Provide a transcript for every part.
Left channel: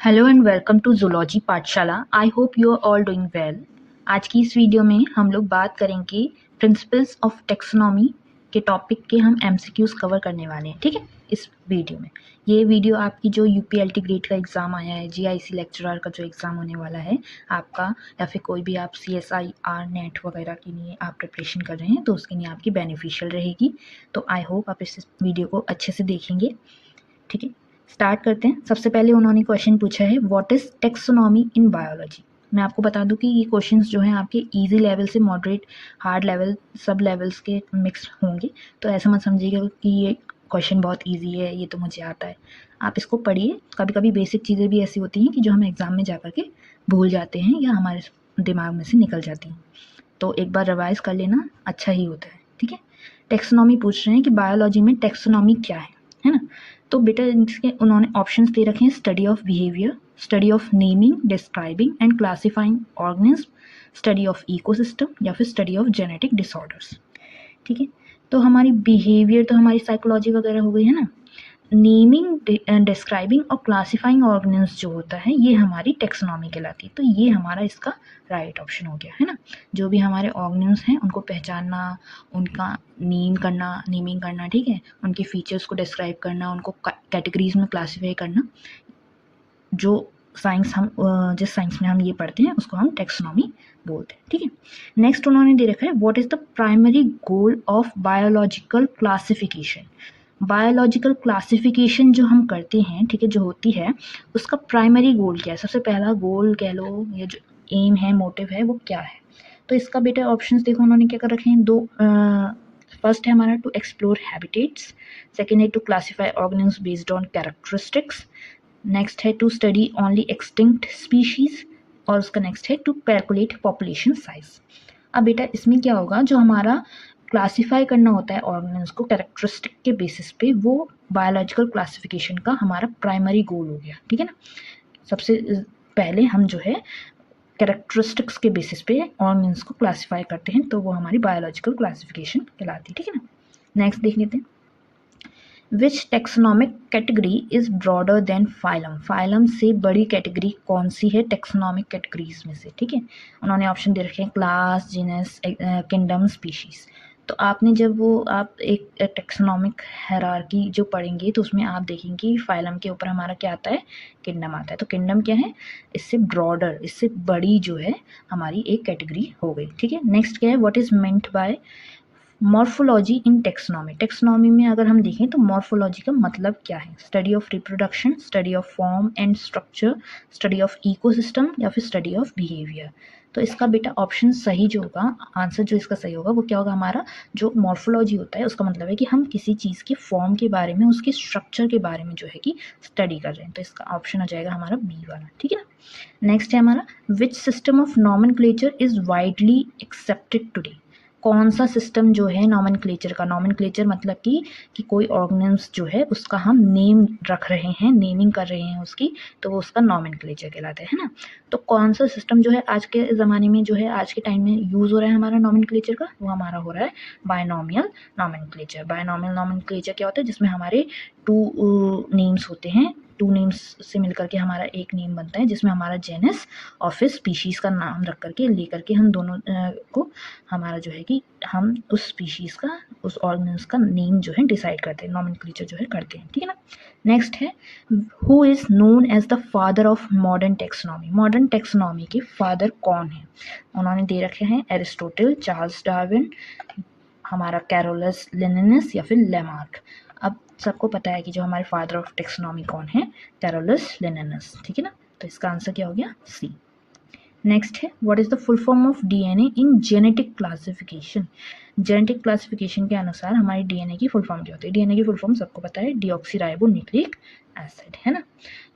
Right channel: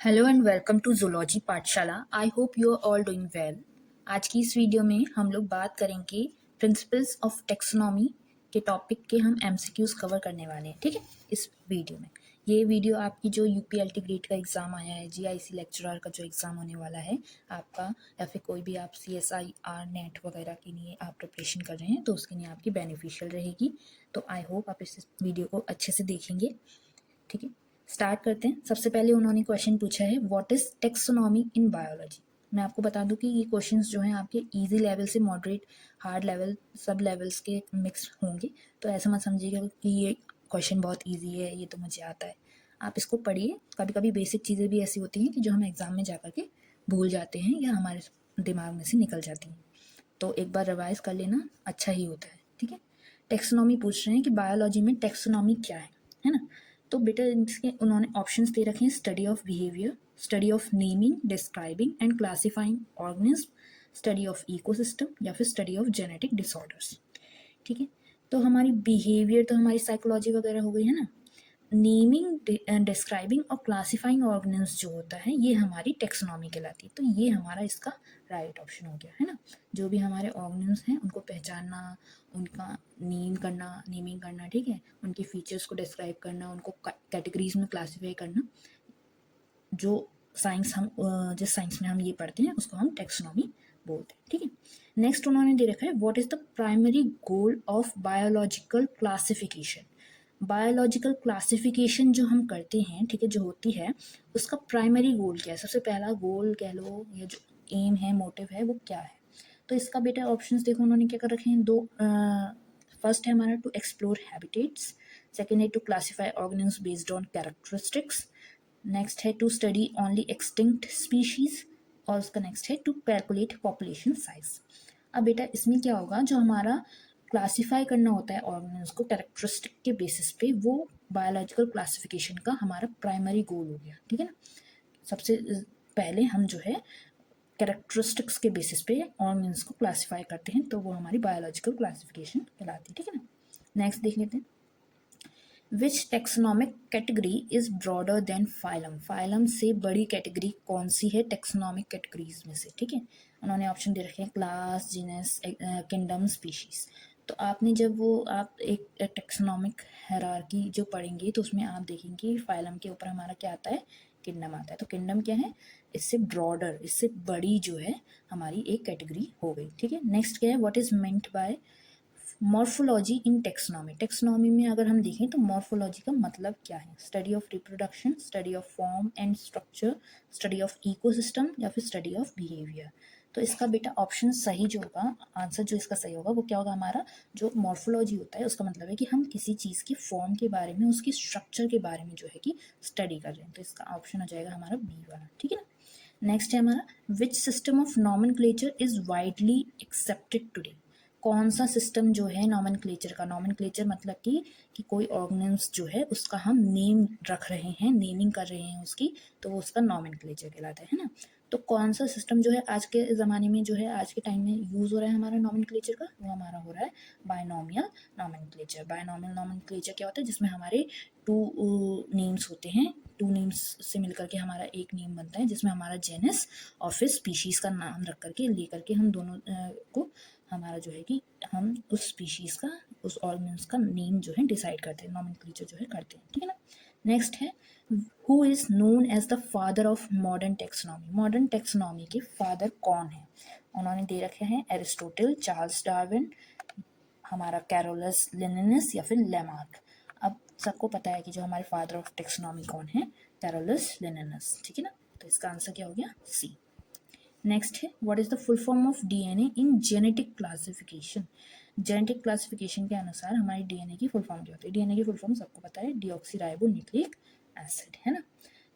Hello and welcome to zoology पाठशाला। I hope you are all doing well. आज की इस वीडियो में हम लोग बात करेंगे प्रिंसिपल्स ऑफ टेक्सोनॉमी के टॉपिक के हम एमसीक्यूज कवर करने वाले हैं। ठीक है, इस वीडियो में ये वीडियो आपकी जो यूपीएलटी ग्रेड का एग्ज़ाम आया है, जीआईसी लेक्चरर का जो एग्ज़ाम होने वाला है आपका, या फिर कोई भी आप सीएसआईआर नेट वगैरह के लिए आप प्रिपरेशन कर रहे हैं तो उसके लिए आपकी बेनिफिशियल रहेगी। तो आई होप आप इस वीडियो को अच्छे से देखेंगे। ठीक है, स्टार्ट करते हैं। सबसे पहले उन्होंने क्वेश्चन पूछा है what is taxonomy in biology. मैं आपको बता दूं कि ये क्वेश्चंस जो हैं आपके इजी लेवल से मॉडरेट हार्ड लेवल सब लेवल्स के मिक्स होंगे, तो ऐसा मत समझिएगा कि ये क्वेश्चन बहुत इजी है, ये तो मुझे आता है। आप इसको पढ़िए। कभी कभी बेसिक चीज़ें भी ऐसी होती हैं कि जो हम एग्ज़ाम में जा कर के भूल जाते हैं या हमारे दिमाग में से निकल जाती हैं, तो एक बार रिवाइज कर लेना अच्छा ही होता है। ठीक है, टेक्सोनॉमी पूछ रहे हैं कि बायोलॉजी में टेक्सोनॉमी क्या है ना। तो बेटा इसके उन्होंने ऑप्शंस दे रखे हैं, study of behaviour, study of naming describing and classifying organism, study of ecosystem या फिर स्टडी ऑफ जेनेटिक डिसऑर्डर्स। ठीक है, तो हमारी बिहेवियर तो हमारी साइकोलॉजी वगैरह हो गई है ना। नेमिंग डिस्क्राइबिंग और क्लासिफाइंग ऑर्गेनिज्म जो होता है ये हमारी टेक्सोनॉमी कहलाती है। तो ये हमारा इसका राइट ऑप्शन हो गया है ना। जो भी हमारे ऑर्गेनिज्म हैं उनको पहचानना, उनका नेमिंग करना, ठीक है, उनके फीचर्स को डिस्क्राइब करना, उनको कैटेगरीज में क्लासीफाई करना, जो साइंस हम जिस साइंस में हम ये पढ़ते हैं उसको हम टेक्सोनॉमी बोलते हैं। ठीक है, नेक्स्ट उन्होंने दे रखा है what is the primary goal of biological classification. Biological classification जो हम करते हैं, ठीक है, जो होती है उसका प्राइमरी गोल क्या है, सबसे पहला गोल कह लो या जो एम है, मोटिव है, वो क्या है। तो इसका बेटा ऑप्शंस देखो उन्होंने क्या कर रखे हैं, दो। फर्स्ट है हमारा टू एक्सप्लोर हैबिटेट्स, सेकेंड है to classify organism based on characteristics, next है to study only extinct species, और उसका नेक्स्ट है टू कैलकुलेट पॉपुलेशन साइज। अब बेटा इसमें क्या होगा, जो हमारा क्लासीफाई करना होता है ऑर्गेनिज्म को कैरेक्टरिस्टिक के बेसिस पे, वो बायोलॉजिकल क्लासिफिकेशन का हमारा प्राइमरी गोल हो गया। ठीक है ना, सबसे पहले हम जो है कैरेक्टरिस्टिक्स के बेसिस पे ऑर्गेनिज्म को क्लासीफाई करते हैं, तो वो हमारी बायोलॉजिकल क्लासिफिकेशन कहलाती है। ठीक है ना, नेक्स्ट देख लेते हैं। Which taxonomic category is broader than phylum. Phylum से बड़ी कैटेगरी कौन सी है टेक्सोनॉमिक कैटेगरीज में से। ठीक है, उन्होंने ऑप्शन दे रखे हैं क्लास, जीनस, किंगडम, स्पीशीज। तो आपने जब वो आप एक टेक्सोनॉमिक हायरार्की जो पढ़ेंगे तो उसमें आप देखेंगे फाइलम के ऊपर हमारा क्या आता है, किंगडम आता है। तो किंगडम क्या है, इससे ब्रॉडर, इससे बड़ी जो है हमारी एक कैटेगरी हो गई। ठीक है, नेक्स्ट क्या है, what is meant by morphology in taxonomy. Taxonomy में अगर हम देखें तो मॉर्फोलॉजी का मतलब क्या है, study of reproduction, study of form and structure, study of ecosystem या फिर स्टडी ऑफ बिहेवियर। तो इसका बेटा ऑप्शन सही जो होगा, आंसर जो इसका सही होगा वो क्या होगा, हमारा जो मॉर्फोलॉजी होता है उसका मतलब है कि हम किसी चीज़ के फॉर्म के बारे में, उसके स्ट्रक्चर के बारे में जो है कि स्टडी कर रहे हैं। तो इसका ऑप्शन हो जाएगा हमारा बी वाला। ठीक है ना, नेक्स्ट है हमारा which system of nomenclature is widely accepted today. कौन सा सिस्टम जो है नॉमेनक्लेचर का, नॉमेनक्लेचर मतलब कि कोई ऑर्गेनिज्म जो है उसका हम नेम रख रहे हैं, नेमिंग कर रहे हैं उसकी, तो वो उसका नॉमेनक्लेचर कहलाता है ना। तो कौन सा सिस्टम जो है आज के ज़माने में, जो है आज के टाइम में यूज़ हो रहा है हमारा नॉमेनक्लेचर का, वो हमारा हो रहा है बायनॉमियल नॉमेनक्लेचर। बायनॉमियल नॉमेनक्लेचर क्या होता है, जिसमें हमारे टू नेम्स होते हैं, टू नेम्स से मिलकर के हमारा एक नेम बनता है, जिसमें हमारा जेनस और फिर स्पीशीज़ का नाम रख करके लेकर के हम दोनों को हमारा जो है कि हम उस स्पीशीज़ का, उस ऑर्गेनिज्म का नेम जो है डिसाइड करते हैं, नॉमेनक्लेचर जो है करते हैं। ठीक है ना, नेक्स्ट है who is known as the father of modern taxonomy. Modern taxonomy के फादर कौन है, उन्होंने दे रखे हैं एरिस्टोटल, चार्ल्स डार्विन, हमारा कैरोलस लिनिनस या फिर लेमार्क। अब सबको पता है कि जो हमारे फादर ऑफ टेक्सोनॉमी कौन है, कैरोलस लिनिनस। ठीक है ना, तो इसका आंसर क्या हो गया, सी। नेक्स्ट है what is the full form of DNA in genetic classification. Genetic classification के अनुसार हमारी डीएनए की फुल फॉर्म क्या होती है। डीएनए की फुल फॉर्म सबको पता है, डीऑक्सीराइबो न्यूक्लिक एसिड, है ना।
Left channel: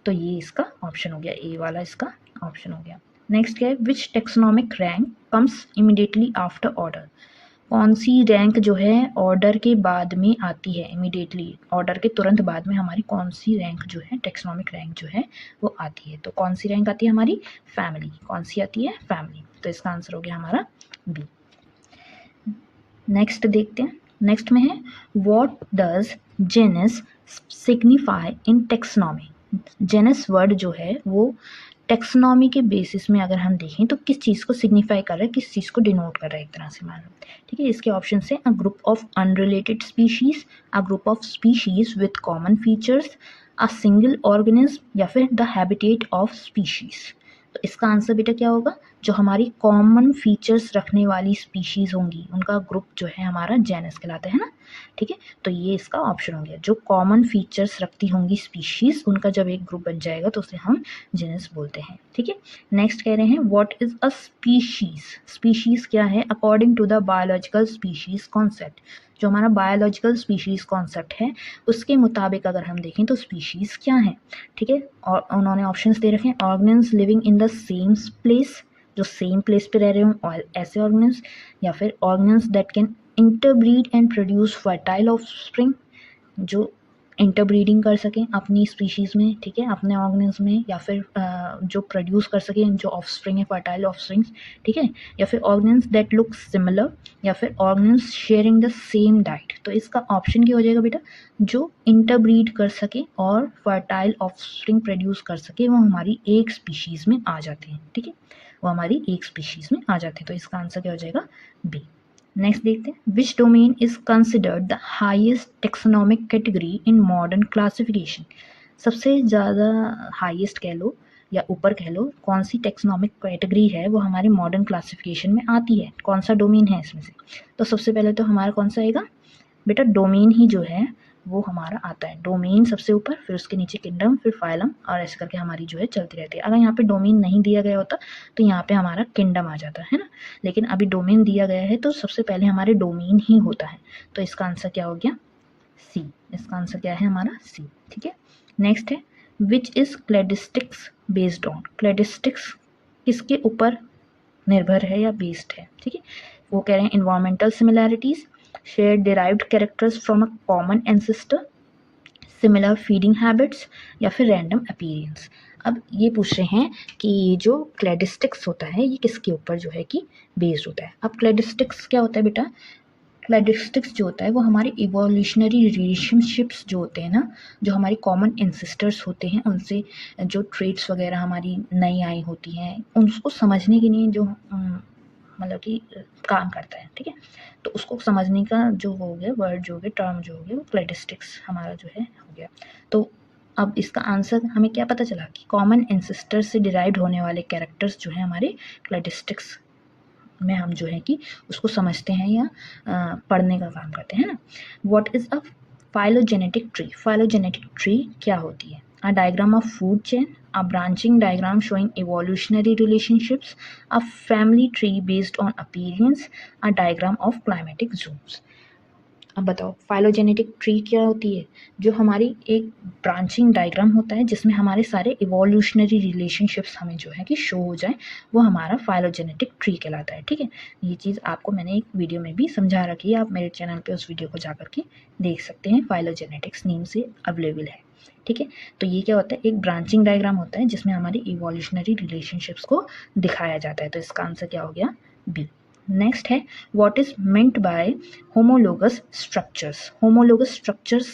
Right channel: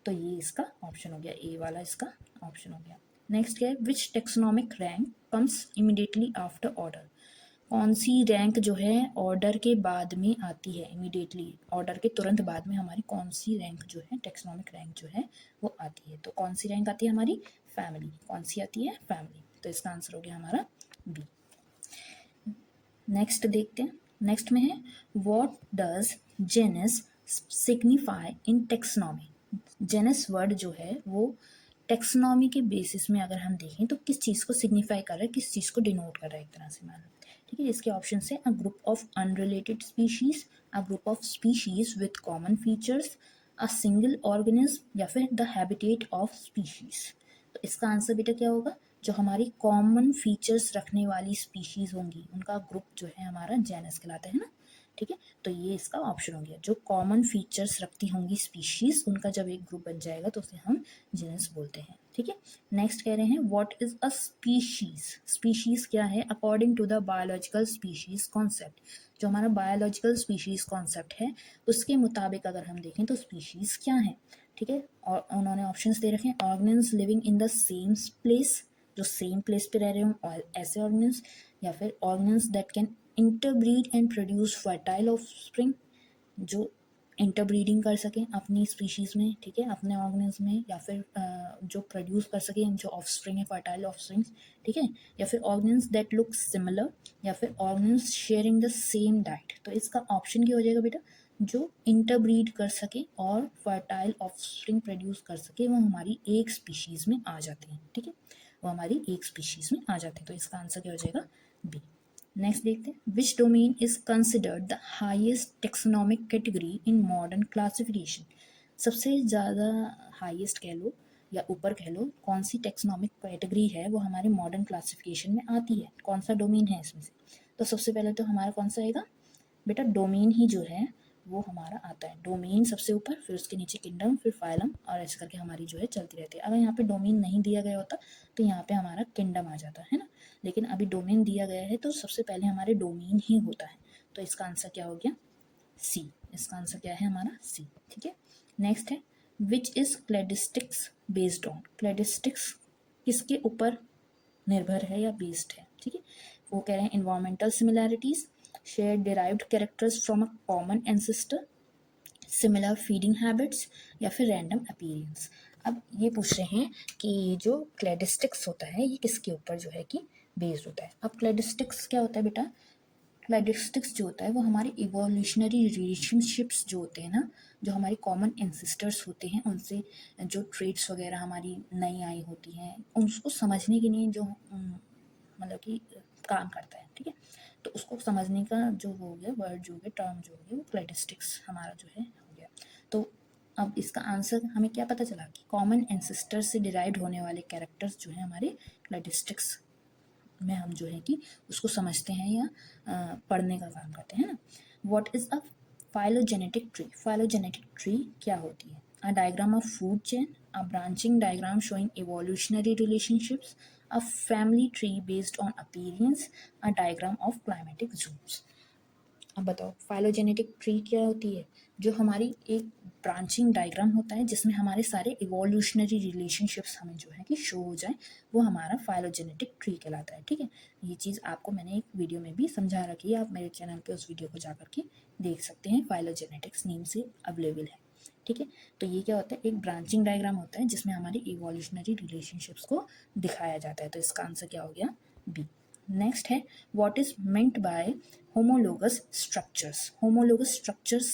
तो ये इसका ऑप्शन हो गया, ए वाला इसका ऑप्शन हो गया। नेक्स्ट क्या है, which taxonomic rank comes immediately after order. कौन सी रैंक जो है ऑर्डर के बाद में आती है, इमीडिएटली ऑर्डर के तुरंत बाद में हमारी कौन सी रैंक जो है, टेक्सोनॉमिक रैंक जो है वो आती है। तो कौन सी रैंक आती है हमारी, फैमिली। कौन सी आती है, फैमिली। तो इसका आंसर हो गया हमारा बी। नेक्स्ट देखते हैं, नेक्स्ट में है what does genus signify in taxonomy. Genus word जो है वो टेक्सोनॉमी के बेसिस में अगर हम देखें तो किस चीज़ को सिग्निफाई कर रहा है, किस चीज़ को डिनोट कर रहा है एक तरह से मान लो। ठीक है, इसके ऑप्शन है a group of unrelated species, a group of species with common features, a single organism, या फिर द हैबिटेट ऑफ स्पीशीज। तो इसका आंसर बेटा क्या होगा, जो हमारी कॉमन फीचर्स रखने वाली स्पीशीज होंगी उनका ग्रुप जो है हमारा जेनस कहलाता है ना। ठीक है, तो ये इसका ऑप्शन हो गया, जो कॉमन फीचर्स रखती होंगी स्पीशीज उनका जब एक ग्रुप बन जाएगा तो उसे हम जेनस बोलते हैं। ठीक है, नेक्स्ट कह रहे हैं what is a species. Species क्या है, according to the biological species concept. जो हमारा बायोलॉजिकल स्पीशीज कॉन्सेप्ट है उसके मुताबिक अगर हम देखें तो स्पीशीज क्या है। ठीक है, और उन्होंने ऑप्शंस दे रखे हैं, organism living in the same place, जो सेम प्लेस पे रह रहे हों और ऐसे ऑर्गेनिज्म, या फिर organism that can interbreed and produce fertile offspring, जो इंटरब्रीडिंग कर सकें अपनी स्पीशीज़ में, ठीक है, अपने ऑर्गेनिज्म में, या फिर जो प्रोड्यूस कर सकें जो ऑफस्प्रिंग है, फर्टाइल ऑफस्प्रिंग्स। ठीक है, या फिर ऑर्गेनिज्म दैट लुक सिमिलर, या फिर organism sharing the same diet. तो इसका ऑप्शन क्या हो जाएगा बेटा, जो इंटरब्रीड कर सके और फर्टाइल ऑफस्प्रिंग प्रोड्यूस कर सके वो हमारी एक स्पीशीज़ में आ जाते हैं। ठीक है, वो हमारी एक स्पीशीज़ में आ जाते हैं। तो इसका आंसर क्या हो जाएगा, बी। नेक्स्ट देखते हैं, which domain is considered the highest taxonomic category in modern classification. सबसे ज़्यादा हाईएस्ट कह लो या ऊपर कह लो, कौन सी टेक्सोनॉमिक कैटेगरी है वो हमारे मॉडर्न क्लासिफिकेशन में आती है, कौन सा डोमेन है इसमें से। तो सबसे पहले तो हमारा कौन सा आएगा बेटा, डोमेन ही जो है वो हमारा आता है। डोमेन सबसे ऊपर, फिर उसके नीचे किंगडम, फिर फाइलम, और ऐसे करके हमारी जो है चलती रहती है। अगर यहाँ पे डोमेन नहीं दिया गया होता तो यहाँ पे हमारा किंगडम आ जाता है ना, लेकिन अभी डोमेन दिया गया है तो सबसे पहले हमारे डोमेन ही होता है। तो इसका आंसर क्या हो गया, सी। इसका आंसर क्या है हमारा, सी। ठीक है, नेक्स्ट है which is cladistics based on. Cladistics किसके ऊपर निर्भर है या बेस्ड है। ठीक है, वो कह रहे हैं environmental similarities, share derived characters from a common ancestor, similar feeding habits, या फिर रैंडम अपीयरेंस। अब ये पूछ रहे हैं कि जो क्लेडिस्टिक्स होता है ये किसके ऊपर जो है कि बेस्ड होता है। अब क्लेडिस्टिक्स क्या होता है बेटा, क्लेडिस्टिक्स जो होता है वो हमारे इवोल्यूशनरी रिलेशनशिप्स जो होते हैं ना, जो हमारी कॉमन एंसेस्टर्स होते हैं उनसे जो ट्रेड्स वगैरह हमारी नई आई होती हैं उनको समझने के लिए जो मतलब कि काम करता है। ठीक है, तो उसको समझने का जो हो गया वर्ड जो हो गया, टर्म जो हो गया, वो क्लेडिस्टिक्स हमारा जो है हो गया। तो अब इसका आंसर हमें क्या पता चला कि कॉमन एंसेस्टर से डिराइव्ड होने वाले कैरेक्टर्स जो है हमारे क्लेडिस्टिक्स में हम जो है कि उसको समझते हैं या पढ़ने का काम करते हैं ना। What is a phylogenetic tree. Phylogenetic tree क्या होती है, a diagram of food chain, a branching diagram showing evolutionary relationships, a family tree based on appearance, a diagram of climatic zones. अब बताओ फाइलोजेनेटिक ट्री क्या होती है, जो हमारी एक ब्रांचिंग डायग्राम होता है जिसमें हमारे सारे इवोल्यूशनरी रिलेशनशिप्स हमें जो है कि शो हो जाए, वो हमारा फाइलोजेनेटिक ट्री कहलाता है। ठीक है, ये चीज़ आपको मैंने एक वीडियो में भी समझा रखी है, आप मेरे चैनल पे उस वीडियो को जा करके देख सकते हैं, फाइलोजेनेटिक्स नेम से अवेलेबल है। ठीक है, तो ये क्या होता है, एक ब्रांचिंग डायग्राम होता है जिसमें हमारी इवोल्यूशनरी रिलेशनशिप्स को दिखाया जाता है। तो इसका आंसर क्या हो गया, बी। नेक्स्ट है what is meant by homologous structures. Homologous structures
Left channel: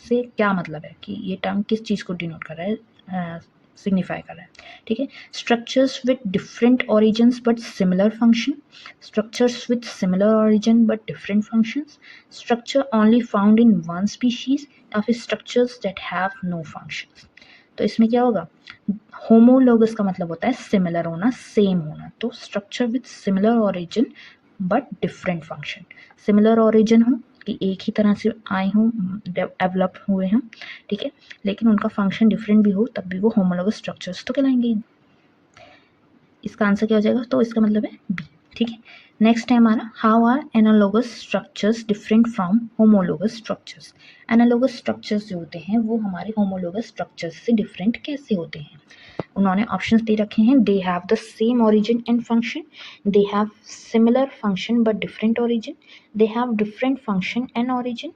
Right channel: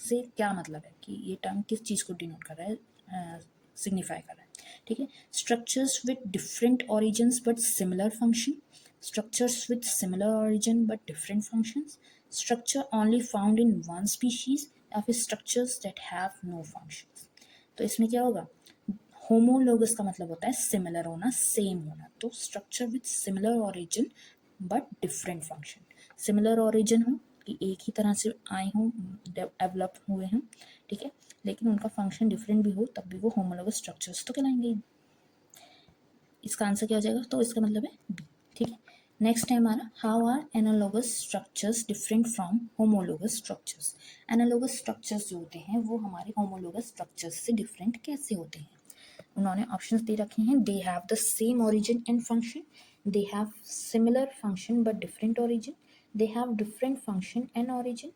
से क्या मतलब है कि ये टर्म किस चीज़ को डिनोट कर रहा है, सिग्निफाई कर रहा है। ठीक है, structures with different origins but similar function, structures with similar origin but different functions, structure only found in one species, या फिर structures that have no functions. तो इसमें क्या होगा, होमोलोगस का मतलब होता है सिमिलर होना, सेम होना। तो structure with similar origin but different function. Similar origin हो कि एक ही तरह से आए हों, डेवलप हुए हों, ठीक है, लेकिन उनका फंक्शन डिफरेंट भी हो तब भी वो होमोलोगस स्ट्रक्चर्स तो कहलाएंगे। इसका आंसर क्या हो जाएगा, तो इसका मतलब है बी। ठीक है, नेक्स्ट है हमारा how are analogous structures different from homologous structures. Analogous structures जो होते हैं वो हमारे होमोलोगस स्ट्रक्चर्स से डिफरेंट कैसे होते हैं। उन्होंने ऑप्शंस दे रखे हैं, they have the same origin and function, they have similar function but different origin, they have different function and origin,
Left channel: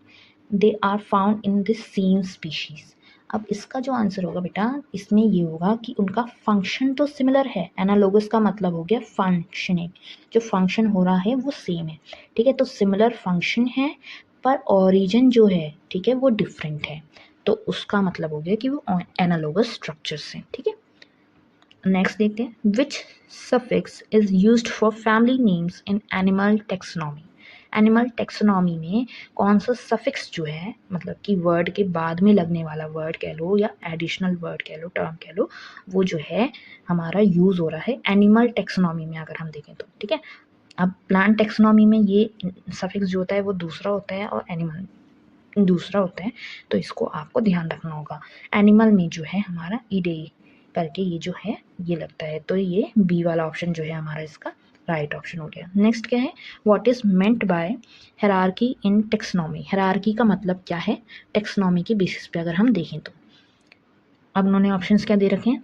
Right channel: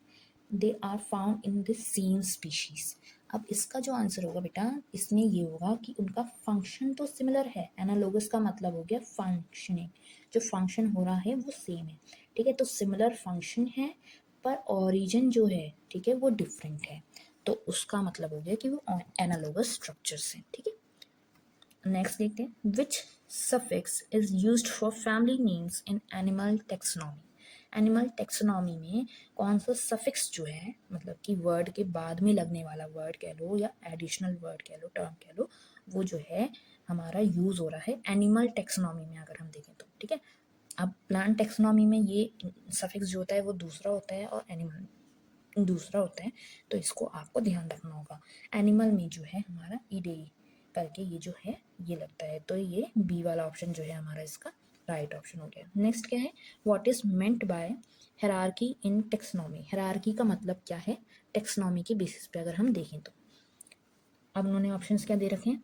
they are found in the same species. अब इसका जो आंसर होगा बेटा, इसमें ये होगा कि उनका फंक्शन तो सिमिलर है, एनालोगस का मतलब हो गया फंक्शनिंग, जो फंक्शन हो रहा है वो सेम है। ठीक है, तो सिमिलर फंक्शन है पर ओरिजिन जो है ठीक है वो डिफरेंट है। तो उसका मतलब हो गया कि वो एनालोगस स्ट्रक्चर्स हैं, ठीक है। नेक्स्ट देखते हैं, which suffix is used for family names in animal taxonomy. Animal taxonomy में कौन सा सफिक्स जो है, मतलब कि वर्ड के बाद में लगने वाला वर्ड कह लो या एडिशनल वर्ड कह लो, टर्म कह लो, वो जो है हमारा यूज़ हो रहा है एनिमल टेक्सोनॉमी में अगर हम देखें तो, ठीक है। अब प्लांट टेक्सोनॉमी में ये सफिक्स जो होता है वो दूसरा होता है और एनिमल दूसरा होता है, तो इसको आपको ध्यान रखना होगा। एनिमल में जो है हमारा ईडे करके ये जो है ये लगता है, तो ये बी वाला ऑप्शन जो है हमारा इसका राइट ऑप्शन हो गया। नेक्स्ट क्या है, what is meant by hierarchy in taxonomy. Hierarchy का मतलब क्या है टेक्सोनॉमी के बेसिस पे अगर हम देखें तो। अब उन्होंने ऑप्शंस क्या दे रखे हैं,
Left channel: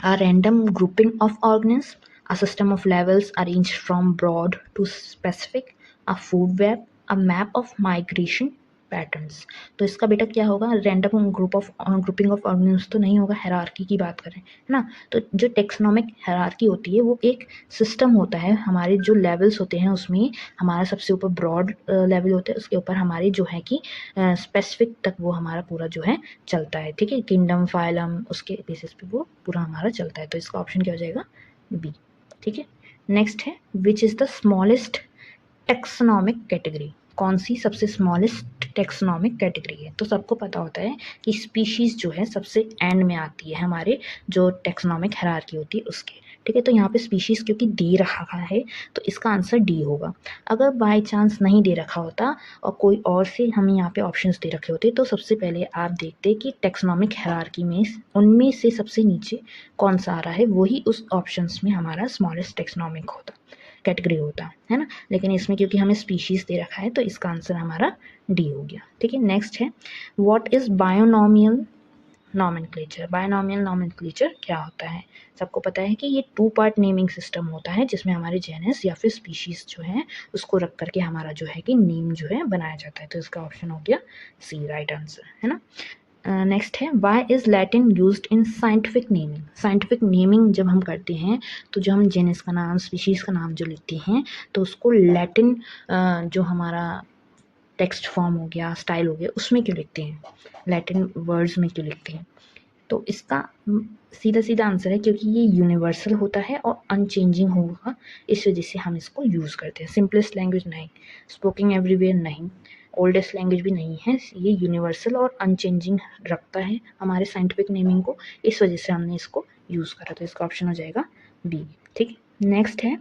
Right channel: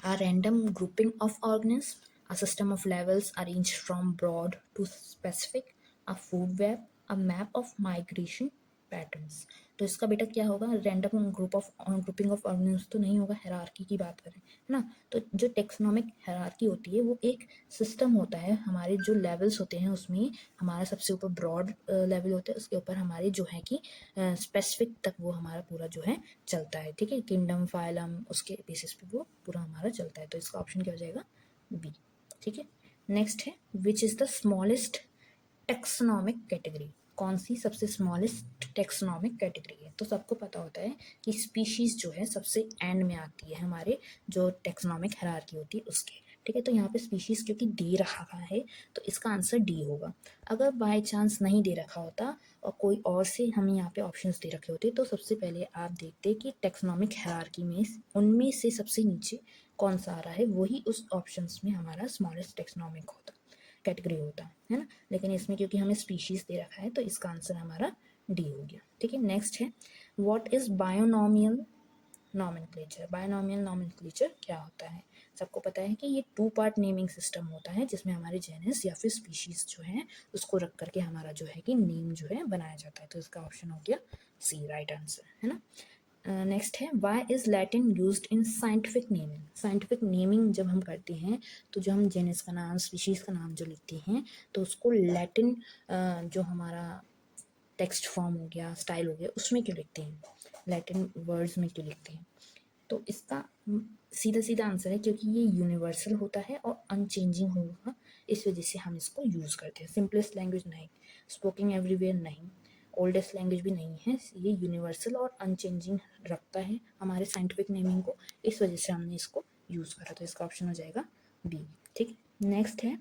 a random grouping of organs, a system of levels arranged from broad to specific, a food web, a map of migration patterns. तो इसका बेटा क्या होगा, रैंडम ग्रुपिंग ऑफ ऑर्गेनिज्म तो नहीं होगा, हायरार्की की बात करें, है ना। तो जो टेक्सोनोमिक हायरार्की होती है वो एक सिस्टम होता है, हमारे जो लेवल्स होते हैं उसमें हमारा सबसे ऊपर ब्रॉड लेवल होता है, उसके ऊपर हमारी जो है कि स्पेसिफिक तक वो हमारा पूरा जो है चलता है, ठीक है। किंगडम, फाइलम, उसके बेसिस पे वो पूरा हमारा चलता है, तो इसका ऑप्शन क्या हो जाएगा, बी, ठीक है। नेक्स्ट है, which is the smallest taxonomic category. कौन सी सबसे स्मॉलेस्ट टेक्सोनोमिक कैटेगरी है, तो सबको पता होता है कि स्पीशीज़ जो है सबसे एंड में आती है हमारे जो टेक्सोनोमिक हायरार्की होती है उसके, ठीक है। तो यहाँ पे स्पीशीज़ क्योंकि दे रखा है तो इसका आंसर डी होगा। अगर बाय चांस नहीं दे रखा होता और कोई और से हमें यहाँ पे ऑप्शंस दे रखे होते तो सबसे पहले आप देखते कि टेक्सोनोमिक हायरार्की में उनमें से सबसे नीचे कौन सा आ रहा है, वही उस ऑप्शंस में हमारा स्मॉलेस्ट टेक्सोनोमिक होता, कैटेगरी होता है ना। लेकिन इसमें क्योंकि हमें स्पीशीज़ दे रखा है तो इसका आंसर हमारा डी हो गया, ठीक है। नेक्स्ट है, what is binomial nomenclature. Binomial nomenclature क्या होता है, सबको पता है कि ये 2 पार्ट नेमिंग सिस्टम होता है जिसमें हमारे जेनस या फिर स्पीशीज़ जो है उसको रख करके हमारा जो है कि नेम जो है बनाया जाता है, तो इसका ऑप्शन हो गया सी, राइट आंसर, है ना। नेक्स्ट है, why is Latin used in scientific naming. Scientific naming जब हम करते हैं तो जो हम जेनस का नाम, स्पीशीज़ का नाम जो लिखते हैं तो उसको लैटिन जो हमारा टेक्स्ट फॉर्म हो गया, स्टाइल हो गया, उसमें क्यों लिखते हैं, लैटिन वर्ड्स में क्यों लिखते हैं। तो इसका सीधा सीधा आंसर है क्योंकि ये यूनिवर्सल होता है और अनचेंजिंग होगा, इस वजह से हम इसको यूज़ करते हैं। सिंपलेस्ट लैंग्वेज नहीं, स्पोकिंग एवरीवेयर नहीं, ओल्डेस्ट लैंग्वेज भी नहीं है, ये यूनिवर्सल और अनचेंजिंग रखता है हमारे साइंटिफिक नेमिंग को, इस वजह से हमने इसको यूज़ करा, तो इसका ऑप्शन हो जाएगा बी, ठीक है। नेक्स्ट है,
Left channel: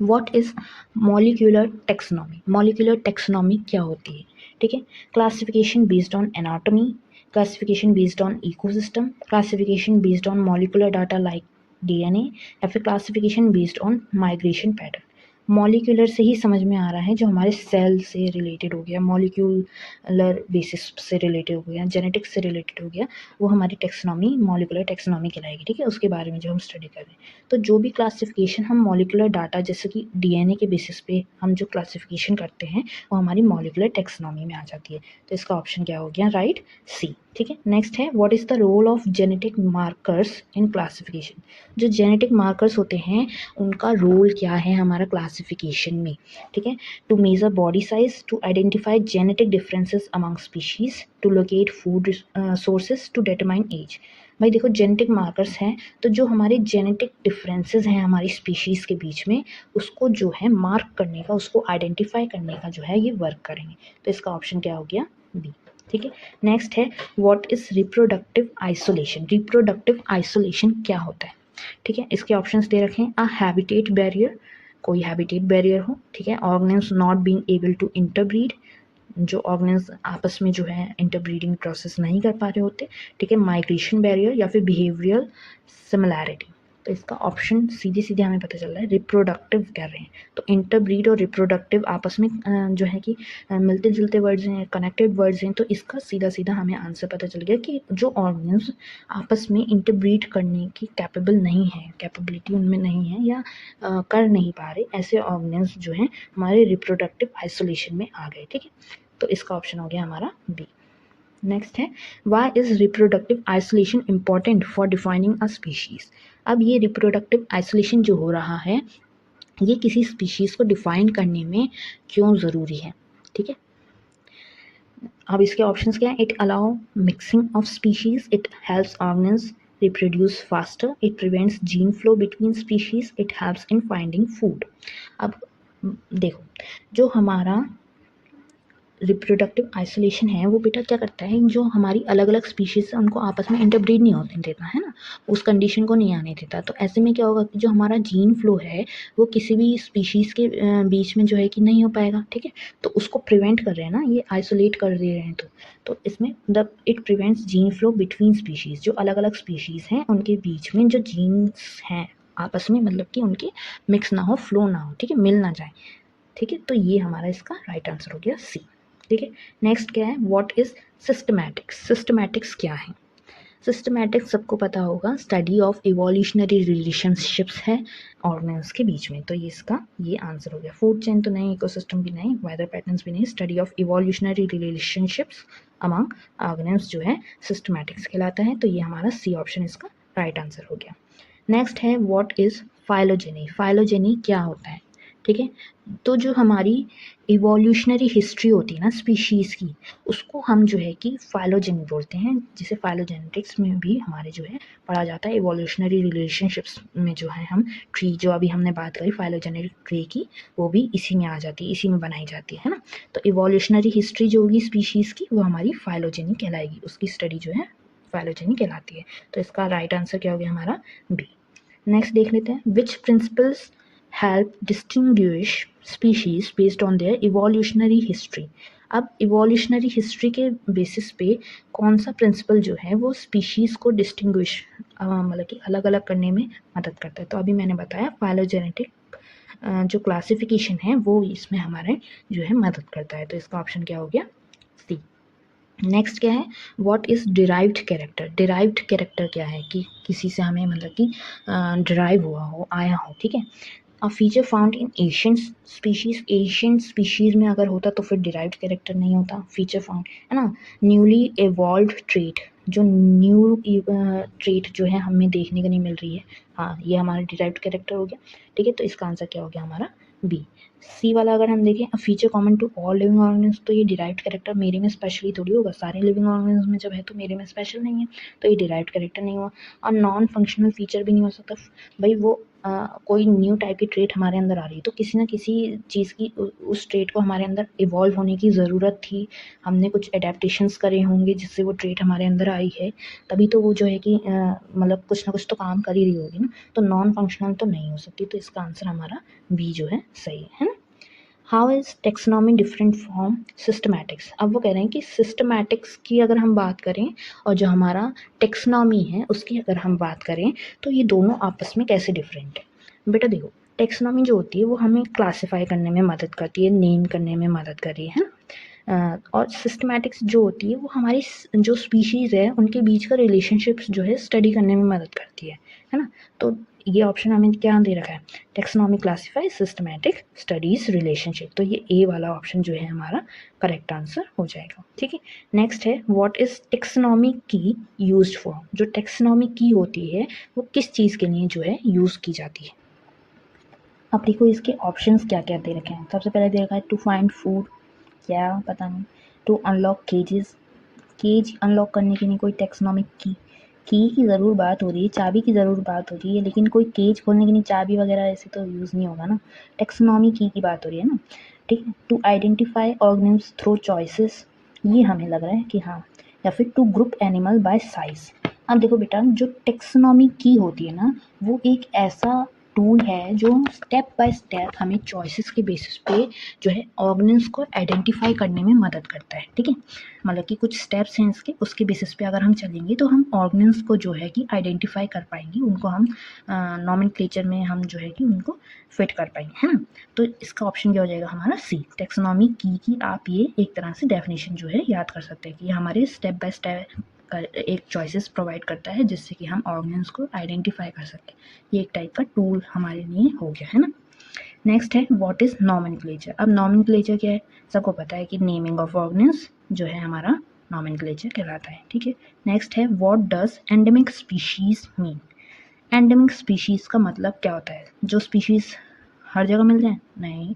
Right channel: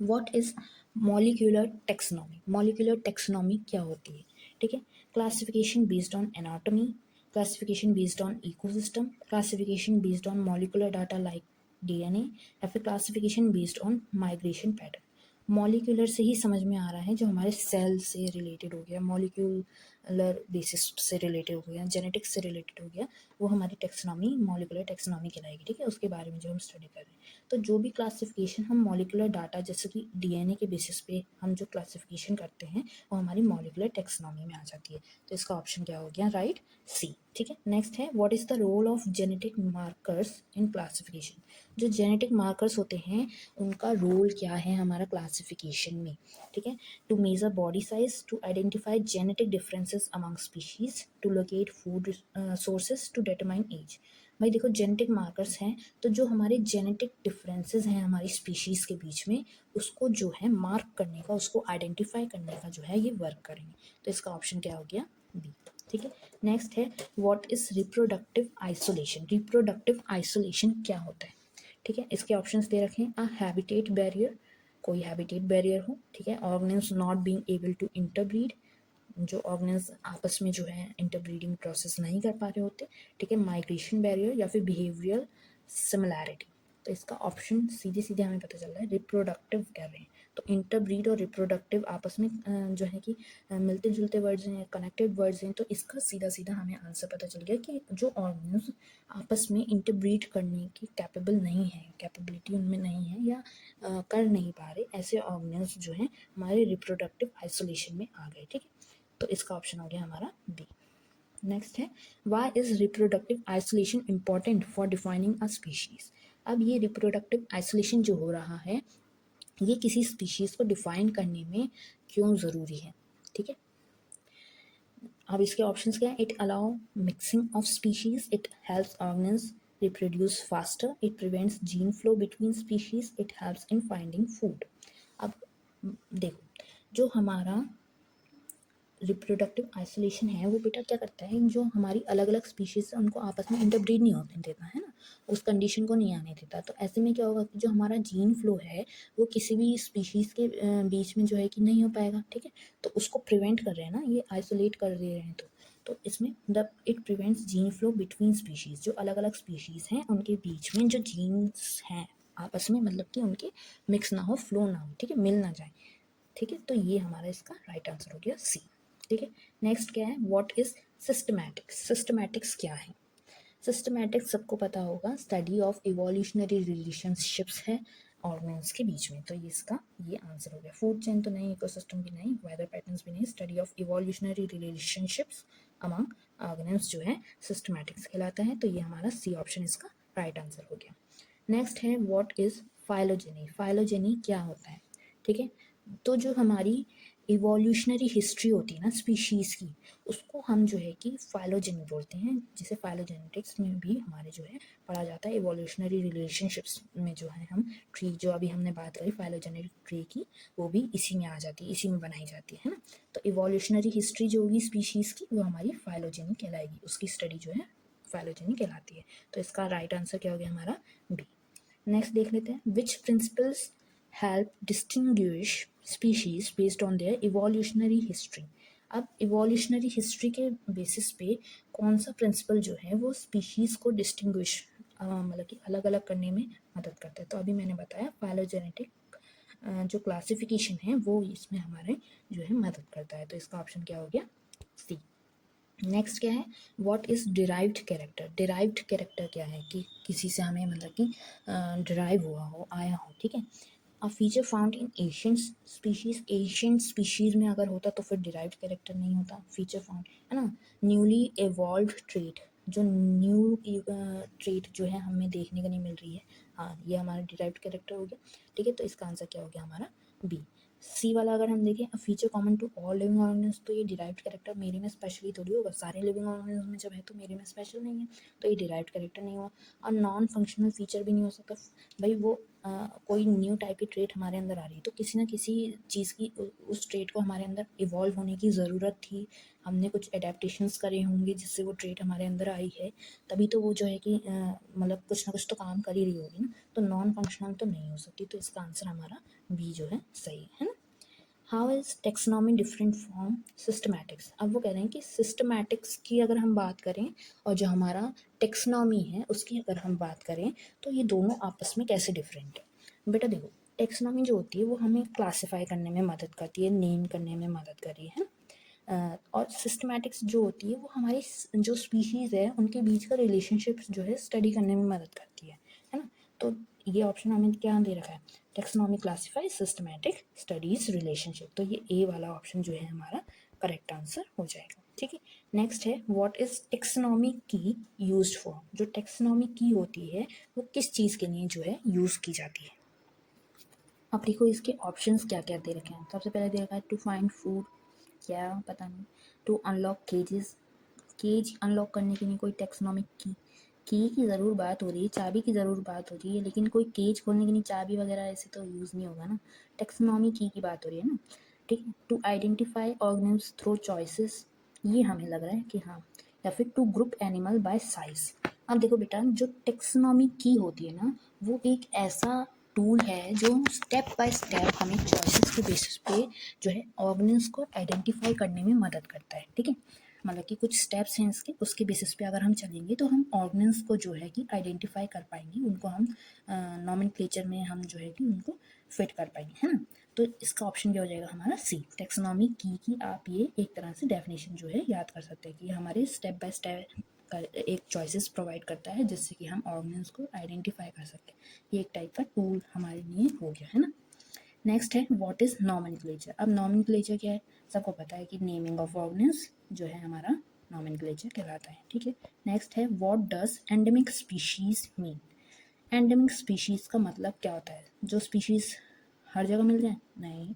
what is molecular taxonomy. Molecular taxonomy क्या होती है, ठीक है। Classification based on anatomy, classification based on ecosystem, classification based on molecular data like DNA, या फिर classification based on migration pattern. Molecular से ही समझ में आ रहा है, जो हमारे सेल से रिलेटेड हो गया, मॉलिक्यूलर बेसिस से रिलेटेड हो गया, जेनेटिक्स से रिलेटेड हो गया, वो हमारी टेक्सोनॉमी मॉलिक्यूलर टेक्सोनॉमी कहलाएगी, ठीक है। उसके बारे में जो हम स्टडी कर रहे हैं, तो जो भी क्लासिफिकेशन हम मॉलिक्यूलर डाटा जैसे कि डीएनए के बेसिस पे हम जो क्लासिफिकेशन करते हैं वो हमारी मॉलिक्यूलर टेक्सोनॉमी में आ जाती है, तो इसका ऑप्शन क्या हो गया, राइट, सी, ठीक है। नेक्स्ट है, what is the role of genetic markers in classification. जो जेनेटिक मार्कर्स होते हैं उनका रोल क्या है हमारा क्लासिफिकेशन में, ठीक है। To measure body size, to identify genetic differences among species, to locate food sources, to determine age. भाई देखो, जेनेटिक मार्कर्स हैं तो जो हमारे जेनेटिक डिफरेंसेस हैं हमारी स्पीशीज़ के बीच में, उसको जो है मार्क करने का, उसको आइडेंटिफाई करने का जो है ये वर्क करेंगे, तो इसका ऑप्शन क्या हो गया, बी, ठीक है। नेक्स्ट है, what is reproductive isolation. Reproductive isolation क्या होता है, ठीक है। इसके ऑप्शंस दे रखे हैं, अ हैबिटेट बैरियर, कोई हैबिटेट बैरियर हो, ठीक है। Organisms not being able to interbreed, जो ऑर्गेनिम्स आपस में जो है इंटरब्रीडिंग प्रोसेस नहीं कर पा रहे होते, ठीक है। माइग्रेशन बैरियर या फिर बिहेवियरल सिमिलैरिटी, तो इसका ऑप्शन सीधे सीधे हमें पता चल रहा है रिप्रोडक्टिव कर रहे हैं, तो इंटरब्रीड और रिप्रोडक्टिव आपस में जो है कि मिलते जुलते वर्ड्स हैं, कनेक्टेड वर्ड्स हैं, तो इसका सीधा सीधा हमें आंसर पता चल गया कि जो ऑर्गेनिम्स आपस में इंटरब्रीड करने की कैपेबल नहीं है, कैपेबिलिटी उनमें नहीं है या कर नहीं पा रहे, ऐसे ऑर्गेनिम्स जो हैं हमारे रिप्रोडक्टिव आइसोलेशन में आ गए, ठीक है। तो इसका ऑप्शन हो गया हमारा बी। नेक्स्ट है, why is reproductive isolation important for defining a species. अब ये रिप्रोडक्टिव आइसोलेशन जो हो रहा है ये किसी स्पीशीज को डिफाइन करने में क्यों ज़रूरी है, ठीक है। अब इसके ऑप्शंस क्या है? It allow mixing of species, it helps organism reproduce faster, it prevents gene flow between species, it helps in finding food. अब देखो, जो हमारा रिप्रोडक्टिव आइसोलेशन है वो बेटा क्या करता है, जो हमारी अलग अलग स्पीशीज है उनको आपस में इंटरब्रीड नहीं होने देता है ना, उस कंडीशन को नहीं आने देता। तो ऐसे में क्या होगा कि जो हमारा जीन फ्लो है वो किसी भी स्पीशीज के बीच में जो है कि नहीं हो पाएगा, ठीक है। तो उसको प्रिवेंट कर रहे हैं ना, ये आइसोलेट कर दे रहे हैं। तो इसमें the it prevents gene flow between species, जो अलग अलग स्पीशीज हैं उनके बीच में जो जीन्स हैं आपस में, मतलब कि उनके मिक्स ना हो, फ्लो ना हो, ठीक है, मिल ना जाए, ठीक है। तो ये हमारा इसका राइट आंसर हो गया सी, ठीक है। नेक्स्ट क्या है? What is systematics? सिस्टमैटिक्स क्या है? सिस्टमैटिक्स सबको पता होगा, स्टडी ऑफ इवोल्यूशनरी रिलेशनशिप्स है ऑर्गेनिज्म के बीच में। तो ये इसका ये आंसर हो गया। फूड चेन तो नहीं, इकोसिस्टम भी नहीं, वेदर पैटर्न्स भी नहीं, study of evolutionary relationships among organism जो है सिस्टमैटिक्स कहलाता है। तो ये हमारा सी ऑप्शन इसका राइट आंसर हो गया। नेक्स्ट है व्हाट इज फाइलोजेनी? फाइलोजेनी क्या होता है, ठीक है। तो जो हमारी इवोल्यूशनरी हिस्ट्री होती है ना स्पीशीज़ की, उसको हम जो है कि फाइलोजेनी बोलते हैं, जिसे फाइलोजेनेटिक्स में भी हमारे जो है पढ़ा जाता है। इवोल्यूशनरी रिलेशनशिप्स में जो है हम ट्री, जो अभी हमने बात करी फाइलोजेनेटिक ट्री की, वो भी इसी में आ जाती है, इसी में बनाई जाती है ना। तो इवोल्यूशनरी हिस्ट्री जो होगी स्पीशीज़ की, वो हमारी फाइलोजेनी कहलाएगी, उसकी स्टडी जो है फाइलोजेनी कहलाती है। तो इसका राइट आंसर क्या हो गया हमारा? बी। नेक्स्ट देख लेते हैं, which principles help distinguish species based on their evolutionary history? अब इवोल्यूशनरी हिस्ट्री के बेसिस पे कौन सा प्रिंसिपल जो है वो स्पीशीज़ को डिस्टिंग्विश मतलब कि अलग अलग करने में मदद करता है? तो अभी मैंने बताया फाइलोजेनेटिक जो क्लासिफिकेशन है वो इसमें हमारे जो है मदद करता है। तो इसका ऑप्शन क्या हो गया? सी। नेक्स्ट क्या है? What is derived character? Derived character क्या है कि किसी से हमें मतलब कि डिराइव हुआ हो, आया हो, ठीक है। A feature found in ancient species, ancient species में अगर होता तो फिर डिराइव्ड कैरेक्टर नहीं होता, फीचर फाउंड है ना। न्यूली एवॉल्व्ड ट्रेट, जो न्यू ट्रेट जो है हमें देखने को नहीं मिल रही है, हाँ, ये हमारा डिराइव्ड कैरेक्टर हो गया, ठीक है। तो इसका आंसर क्या हो गया हमारा? बी। सी वाला अगर हम देखें, a feature common to all living organism, तो ये डिराइव्ड कैरेक्टर मेरे में स्पेशली थोड़ी होगा, सारे लिविंग ऑर्गेनिज्म में जब है तो मेरे में स्पेशल नहीं है, तो ये डिराइव्ड कैरेक्टर नहीं हुआ। और नॉन फंक्शनल फीचर भी नहीं हो सकता भाई, वो कोई न्यू टाइप की ट्रेट हमारे अंदर आ रही है तो किसी ना किसी चीज़ की उस ट्रेट को हमारे अंदर इवॉल्व होने की ज़रूरत थी, हमने कुछ एडेप्टेशंस करे होंगे जिससे वो ट्रेट हमारे अंदर आई है, तभी तो वो जो है कि मतलब कुछ ना कुछ तो काम कर ही रही होगी ना। तो नॉन फंक्शनल तो नहीं हो सकती, तो इसका आंसर हमारा बी जो है सही है ना। How is taxonomy different from systematics? अब वो कह रहे हैं कि सिस्टमैटिक्स की अगर हम बात करें और जो हमारा टेक्सोनॉमी है उसकी अगर हम बात करें, तो ये दोनों आपस में कैसे डिफरेंट है। बेटा देखो, टेक्सोनॉमी जो होती है वो हमें क्लासीफाई करने में मदद करती है, नेम करने में मदद कर रही है ना। और सिस्टमैटिक्स जो होती है वो हमारी जो स्पीशीज़ है उनके बीच का रिलेशनशिप्स जो है स्टडी करने में मदद करती है ना। तो ये ऑप्शन हमें क्या दे रखा है? Taxonomy classify systematic studies relationship, तो ये ए वाला ऑप्शन जो है हमारा करेक्ट आंसर हो जाएगा, ठीक है। नेक्स्ट है व्हाट इज टेक्सोनॉमी की यूज्ड फॉर? जो टेक्सोनॉमी की होती है वो किस चीज़ के लिए जो है यूज़ की जाती है? अब देखो इसके ऑप्शंस क्या क्या दे रखे हैं। सबसे पहले दे रखा है टू फाइंड फूड, क्या पता नहीं। टू अनलॉक केजेस, केज अनलॉक करने के लिए कोई टेक्सोनॉमिक की ज़रूर बात हो रही है, चाबी की ज़रूर बात हो रही है, लेकिन कोई केज खोलने के लिए चाबी वगैरह ऐसे तो यूज़ नहीं होगा ना। टेक्सोनॉमी की बात हो रही है ना, ठीक है। To identify organisms through choices, ये हमें लग रहा है कि हाँ। या फिर to group animal by size. अब देखो बेटा, जो टेक्सोनॉमी की होती है ना, वो एक ऐसा टूल है जो स्टेप बाय स्टेप हमें चॉइसेस के बेसिस पे जो है ऑर्गेनिम्स को आइडेंटिफाई करने में मदद करता है, ठीक है। मतलब कि कुछ स्टेप्स हैं इसके, उसके बेसिस पे अगर हम चलेंगे तो हम ऑर्गेनिम्स को जो है कि आइडेंटिफाई कर पाएंगे, उनको हम नॉमेनक्लेचर में हम जो है कि उनको फिट कर पाएंगे, है ना। तो इसका ऑप्शन क्या हो जाएगा हमारा? सी। टेक्सोनॉमी की आप ये एक तरह से डेफिनेशन जो है याद कर सकते हैं कि हमारे स्टेप बाय स्टेप एक चॉइसेस प्रोवाइड करता है जिससे कि हम ऑर्गेनिम्स को आइडेंटिफाई कर सकते हैं। ये एक टाइप का टूल हमारे लिए हो गया, है ना। नेक्स्ट है व्हाट इज नॉमेनक्लेचर? अब नॉमेनक्लेचर क्या है? सबको पता है कि नेमिंग ऑफ ऑर्गेनिम्स जो है हमारा नॉमेनक्लेचर कहलाता है, ठीक है। नेक्स्ट है what does endemic species mean? Endemic species का मतलब क्या होता है? जो स्पीशीज हर जगह मिल जाए? नहीं।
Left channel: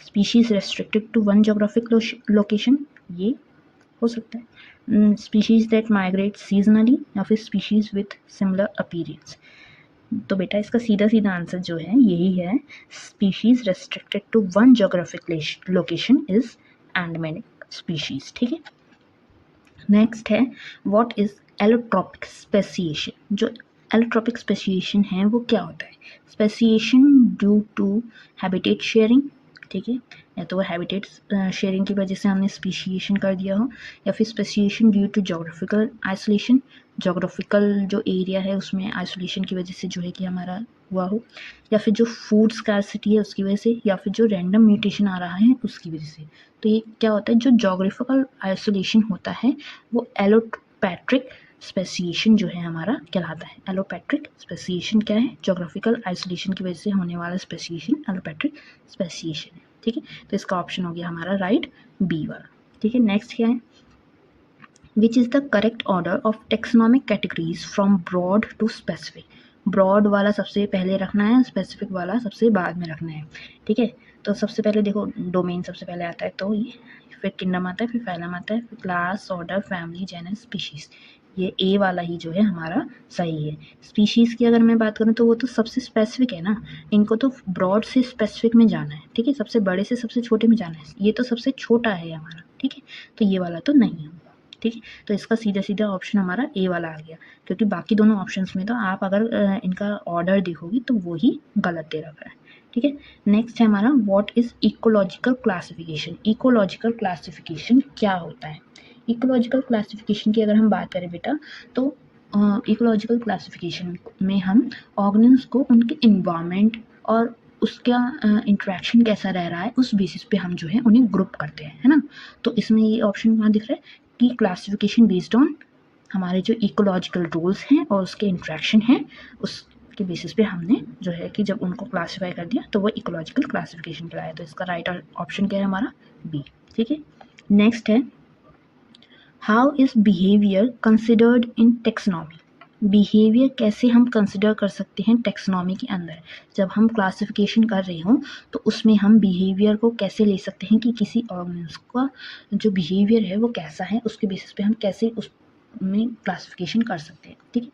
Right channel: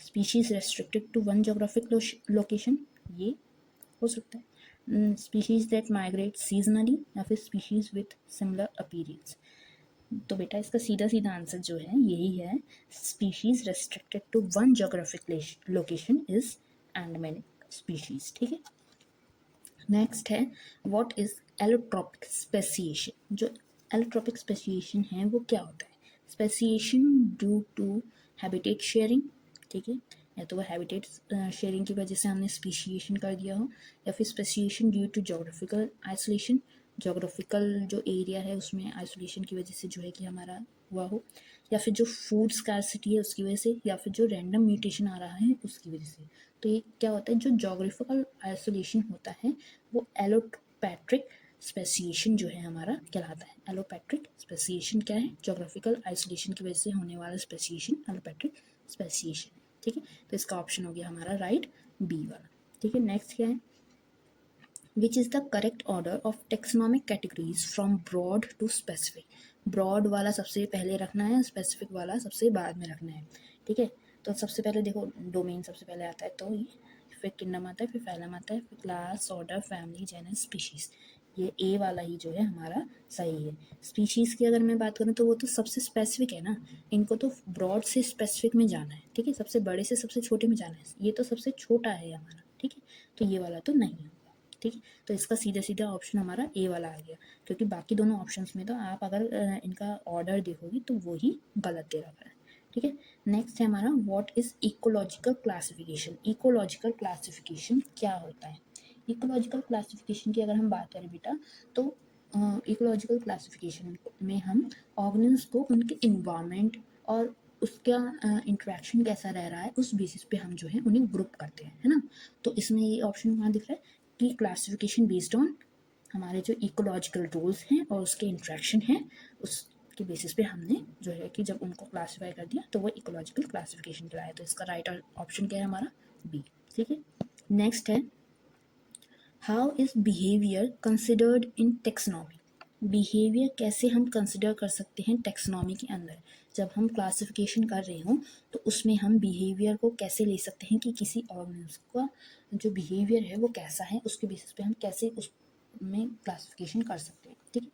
Species restricted to one geographic location, ये हो सकता है। स्पीशीज़ दैट माइग्रेट सीजनली या फिर स्पीशीज़ विथ सिमिलर अपीयरेंस। तो बेटा इसका सीधा सीधा आंसर जो है यही है, species restricted to one geographic location is endemic species. ठीक है, नेक्स्ट है व्हाट इज एलोट्रॉपिक स्पेसिएशन। जो एलोट्रॉपिक स्पेसिएशन है वो क्या होता है? Speciation due to habitat sharing, ठीक है, या तो वो हैबिटेट शेयरिंग की वजह से हमने स्पेसिएशन कर दिया हो, या फिर speciation due to geographical isolation, geographical जो एरिया है उसमें आइसोलेशन की वजह से जो है कि हमारा हुआ हो, या फिर जो फूड स्कार्सिटी है उसकी वजह से, या फिर जो रैंडम म्यूटेशन आ रहा है उसकी वजह से। तो ये क्या होता है, जो जोग्राफिकल आइसोलेशन होता है वो एलोपैट्रिक स्पेसिएशन जो है हमारा कहलाता है। एलोपैट्रिक स्पेसिएशन क्या है? जोग्राफिकल आइसोलेशन की वजह से होने वाला स्पेसिएशन एलोपैट्रिक स्पेसिएशन है। ठीक है, तो इसका ऑप्शन हो गया हमारा राइट, बी वाला। ठीक है, नेक्स्ट क्या है? Which is the correct order of taxonomic categories from broad to specific. Broad वाला सबसे पहले रखना है, स्पेसिफिक वाला सबसे बाद में रखना है। ठीक है, तो सबसे पहले देखो डोमेन सबसे पहले आता है, तो ये फिर किंगडम आता है, फिर फाइलम आता है, फिर class, order, family, genus, species. ये ए वाला ही जो है हमारा सही है। स्पीशीज़ की अगर मैं बात करूँ तो वो तो सबसे स्पेसिफिक है ना, इनको तो ब्रॉड से स्पेसिफिक में जाना है। ठीक है, सबसे बड़े से सबसे छोटे में जाना है, ये तो सबसे छोटा है हमारा। ठीक है, तो ये वाला तो नहीं है। ठीक है, तो इसका सीधा सीधा ऑप्शन हमारा ए वाला आ गया, क्योंकि बाकी दोनों ऑप्शंस में तो आप अगर इनका ऑर्डर देखोगे तो वो ही गलत दे रखा है। ठीक है, नेक्स्ट है हमारा what is ecological classification. Ecological classification क्या होता है? इकोलॉजिकल क्लासिफिकेशन की अगर हम बात करें बेटा, तो इकोलॉजिकल क्लासिफिकेशन में हम ऑर्गेनिल्स को उनके इन्वायरमेंट और उसका इंट्रैक्शन कैसा रह रहा है उस बेसिस पे हम जो है उन्हें ग्रुप करते हैं, है ना। तो इसमें ये ऑप्शन कहाँ दिख रहा है कि क्लासिफिकेशन बेस्ड ऑन हमारे जो इकोलॉजिकल रूल्स हैं और उसके इंट्रैक्शन हैं, उसके बेसिस पे हमने जो है कि जब उनको क्लासीफाई कर दिया तो वो इकोलॉजिकल क्लासिफिकेशन कहलाया। तो इसका राइट ऑप्शन क्या है हमारा? बी। ठीक है, नेक्स्ट है how is behaviour considered in taxonomy. Behaviour कैसे हम कंसिडर कर सकते हैं टेक्सोनॉमी के अंदर? जब हम क्लासिफिकेशन कर रहे हों तो उसमें हम बिहेवियर को कैसे ले सकते हैं कि किसी ऑर्गेनिज्म का जो बिहेवियर है वो कैसा है, उसके बेसिस पे हम कैसे उसमें क्लासिफिकेशन कर सकते हैं। ठीक है,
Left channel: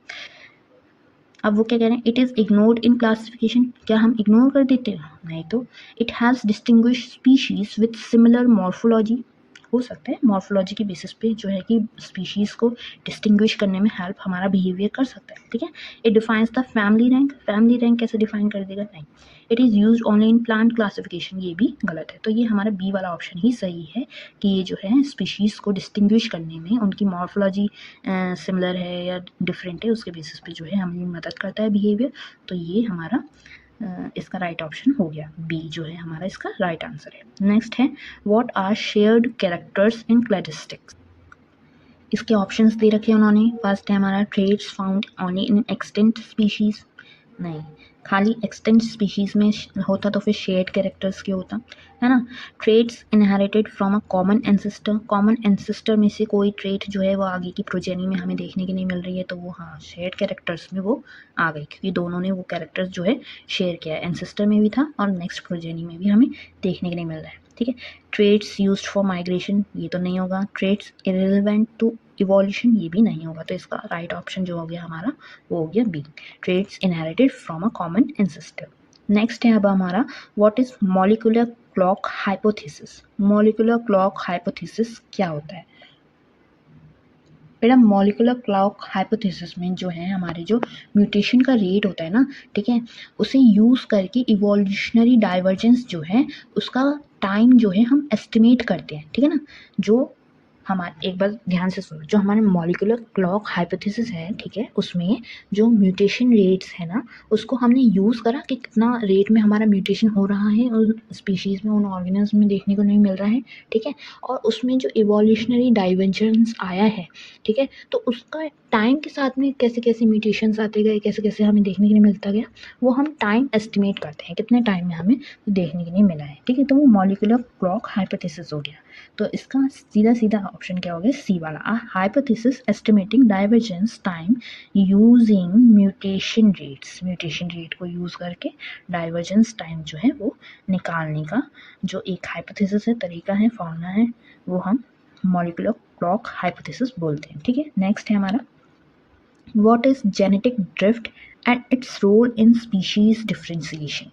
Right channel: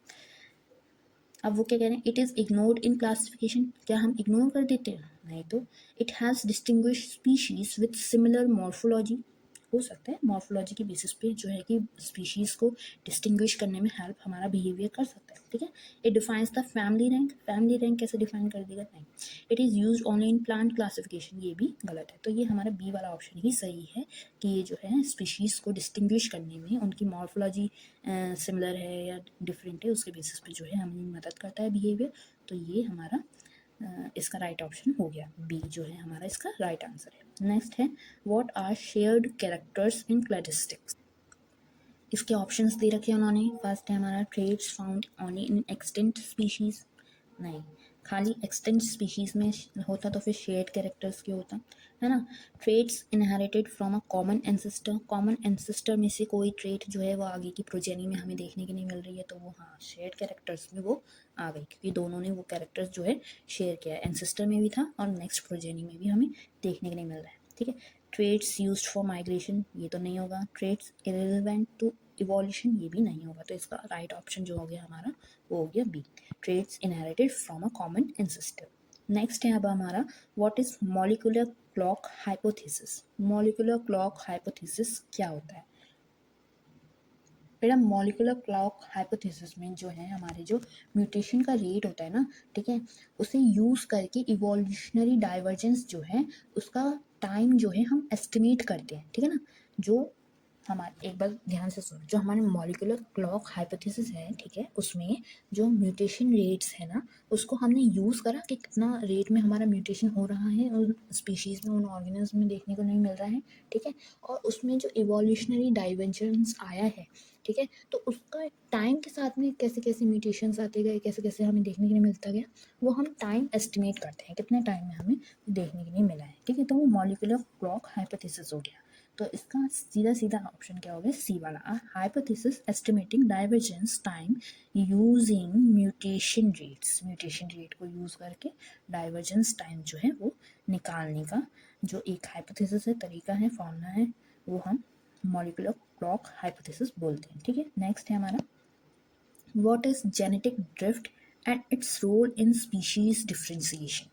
अब वो क्या कह रहे हैं, it is ignored in classification. क्या हम इग्नोर कर देते हैं? नहीं तो it has distinguish species with similar morphology. हो सकता है मॉर्फोलॉजी की बेसिस पे जो है कि स्पीशीज़ को डिस्टिंग्विश करने में हेल्प हमारा बिहेवियर कर सकता है। ठीक है, it defines the family rank. Family rank कैसे डिफाइन कर देगा? नहीं। It is use only in plant classification, ये भी गलत है। तो ये हमारा बी वाला ऑप्शन ही सही है कि ये जो है स्पीशीज़ को डिस्टिंग्विश करने में उनकी मॉर्फोलॉजी सिमिलर है या डिफरेंट है उसके बेसिस पे जो है हमें मदद करता है बिहेवियर। तो ये हमारा इसका राइट ऑप्शन हो गया, बी जो है हमारा इसका राइट आंसर है। नेक्स्ट है what are shared characters in cladistics. इसके ऑप्शंस दे रखे हैं उन्होंने। फर्स्ट है हमारा traits found only in extant species. नहीं, खाली एक्सटेंट स्पीशीज में होता तो फिर शेयर्ड कैरेक्टर्स क्यों होता, है ना। Traits inherited from a common ancestor. Common ancestor में से कोई ट्रेड जो है वो आगे की प्रोजेनी में हमें देखने की नहीं मिल रही है, तो वो हाँ शेयर्ड कैरेक्टर्स में वो आ गई, क्योंकि दोनों ने वो कैरेक्टर्स जो है शेयर किया है, एंसेस्टर में भी था और नेक्स्ट प्रोजेनी में भी हमें देखने के नहीं मिल रहा है। ठीक है, ट्रेड्स यूज्ड फॉर माइग्रेशन, ये तो नहीं होगा। ट्रेड्स इरेलेवेंट टू इवोल्यूशन, ये भी नहीं होगा। तो इसका राइट ऑप्शन जो हो गया हमारा वो हो गया B, traits inherited from a common ancestor. Next है अब हमारा what is molecular clock hypothesis. Molecular clock hypothesis क्या होता है बेटा? मॉलिक्यूलर क्लॉक हाइपोथेसिस में जो है हमारे जो म्यूटेशन का रेट होता है ना, ठीक है, उसे यूज़ करके इवोल्यूशनरी डाइवर्जेंस जो है उसका टाइम जो है हम एस्टिमेट करते हैं। ठीक है ना, जो हमारे एक बार ध्यान से सुनो, जो हमारे मॉलिक्यूलर क्लॉक हाइपोथेसिस है, ठीक है, उसमें जो म्यूटेशन रेट्स है ना उसको हमने यूज़ करा कि कितना रेट में हमारा म्यूटेशन हो रहा है उन स्पीशीज़ में, उन ऑर्गेनिज्म में देखने को नहीं मिल रहा है। ठीक है, और उसमें जो इवोल्यूशनरी डाइवर्जेंस आया है, ठीक है, तो उसका टाइम के साथ में कैसे कैसे म्यूटेशंस आते गए, कैसे कैसे हमें देखने के लिए मिलता गया, वो हम टाइम एस्टिमेट करते हैं कितने टाइम में हमें देखने के लिए मिला है। ठीक है, तो वो मॉलिक्यूलर क्लॉक हाइपोथेसिस हो गया। तो इसका सीधा सीधा ऑप्शन क्या हो गया? सी वाला, hypothesis estimating divergence time using mutation rates. Mutation rate को यूज़ करके डाइवर्जेंस टाइम जो है वो निकालने का जो एक हाइपोथेसिस है, तरीका है, फॉर्मूला है, वो हम मॉलिक्यूलर ब्लॉक हाइपोथेसिस बोलते हैं, ठीक है। नेक्स्ट है हमारा What is genetic drift and its role in species differentiation?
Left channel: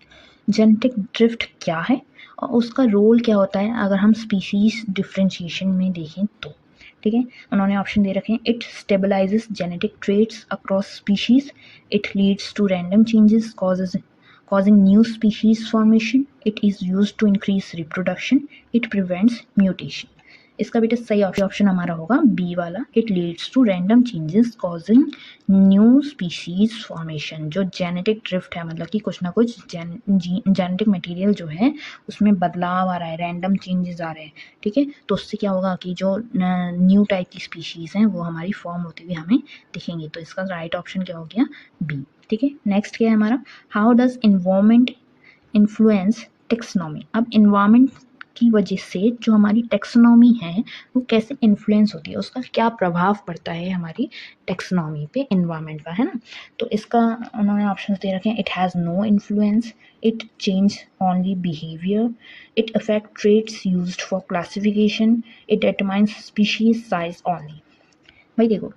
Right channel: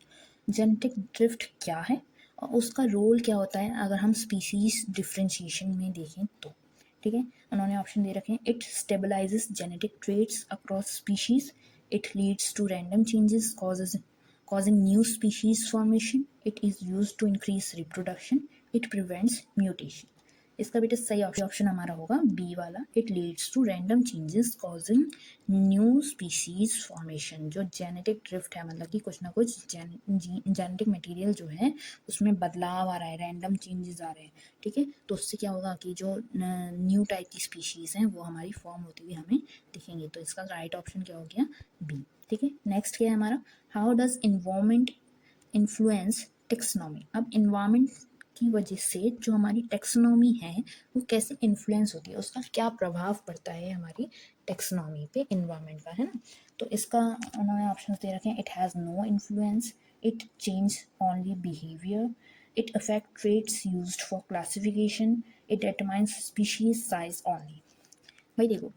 Genetic drift क्या है और उसका रोल क्या होता है अगर हम स्पीशीज डिफ्रेंशिएशन में देखें तो, ठीक है। उन्होंने ऑप्शन दे रखे हैं, it stabilises genetic traits across species, it leads to random changes causing new species formation, it is used to increase reproduction, it prevents mutation। इसका बेटा सही ऑप्शन हमारा होगा बी वाला, it leads to random changes causing new species formation. जो genetic drift है मतलब कि कुछ ना कुछ जेनेटिक मटेरियल जो है उसमें बदलाव आ रहा है, रैंडम चेंजेस आ रहे हैं, ठीक है। तो उससे क्या होगा कि जो न्यू टाइप की स्पीशीज़ हैं वो हमारी फॉर्म होती हुई हमें दिखेंगी। तो इसका राइट ऑप्शन क्या हो गया, बी, ठीक है। नेक्स्ट क्या है हमारा, how does environment influence taxonomy. अब इन्वायरमेंट की वजह से जो हमारी टेक्सोनॉमी है वो कैसे इन्फ्लुएंस होती है, उसका क्या प्रभाव पड़ता है हमारी टेक्सोनॉमी पे इन्वायरमेंट का, है ना। तो इसका उन्होंने ऑप्शन दे रखे हैं, it has no influence, it change only behaviour, it affect traits used for classification, it determines species size only. भाई देखो,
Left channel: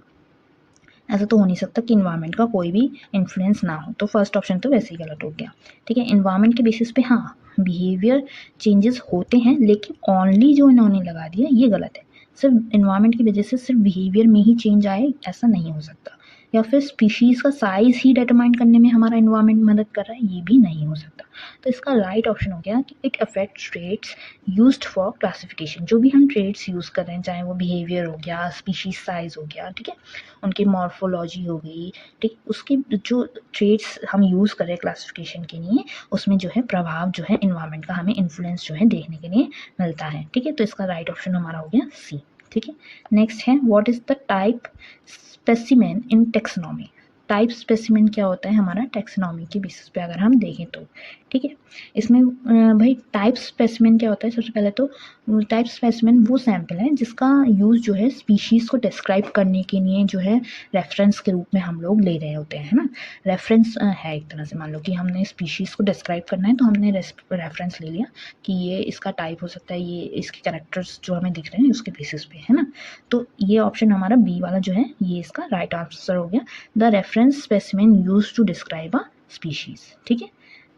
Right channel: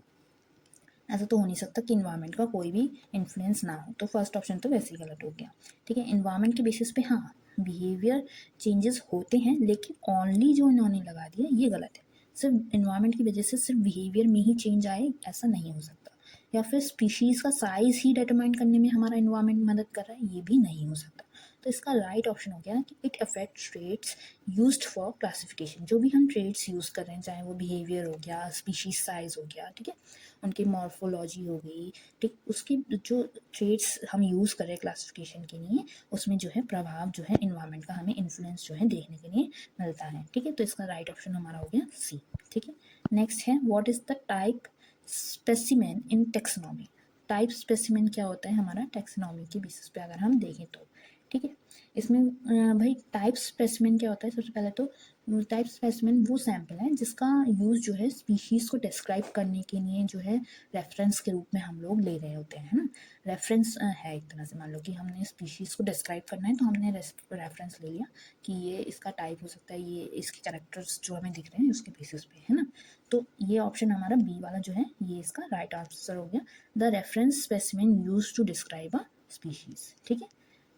ऐसा तो हो नहीं सकता कि इन्वायरमेंट का कोई भी इन्फ्लुएंस ना हो, तो फर्स्ट ऑप्शन तो वैसे ही गलत हो गया, ठीक है। इन्वायरमेंट के बेसिस पे हाँ बिहेवियर चेंजेस होते हैं, लेकिन ओनली जो इन्होंने लगा दिया ये गलत है। सिर्फ इन्वायरमेंट की वजह से सिर्फ बिहेवियर में ही चेंज आए ऐसा नहीं हो सकता, या फिर स्पीशीज़ का साइज ही डिटरमाइन करने में हमारा इन्वायरमेंट मदद कर रहा है, ये भी नहीं हो सकता। तो इसका राइट ऑप्शन हो गया कि it affect traits used for classification. जो भी हम ट्रेट्स यूज़ कर रहे हैं, चाहे वो बिहेवियर हो गया, स्पीशीज साइज हो गया, ठीक है, उनकी मॉर्फोलॉजी हो गई, ठीक, उसके जो ट्रेट्स हम यूज़ कर रहे हैं क्लासिफिकेशन के लिए, उसमें जो है प्रभाव जो है इन्वायरमेंट का हमें इन्फ्लुएंस जो है देखने के लिए मिलता है, ठीक है। तो इसका राइट ऑप्शन हमारा हो गया सी, ठीक है। नेक्स्ट है, what is the type specimen in taxonomy. Type specimen क्या होता है हमारा टेक्सोनॉमी के बेसिस पे अगर हम देखें तो, ठीक है। इसमें भाई टाइप स्पेसिमेन क्या होता है, सबसे पहले तो टाइप स्पेसिमेन वो सैंपल है जिसका यूज़ जो है स्पीशीज़ को डिस्क्राइब करने के लिए जो है रेफरेंस के रूप में हम लोग ले रहे होते हैं, है ना। रेफरेंस है एक तरह से, मान लो कि हमने स्पीशीज़ को डिस्क्राइब करना है तो हमने रेफरेंस ले लिया कि ये इसका टाइप हो सकता है, ये इसके कैरेक्टर्स जो हमें दिख रहे हैं उसके बेसिस पे, है ना। तो ये ऑप्शन हमारा बी वाला जो है ये इसका राइट आंसर हो गया, the reference specimen use to describe a species, ठीक है।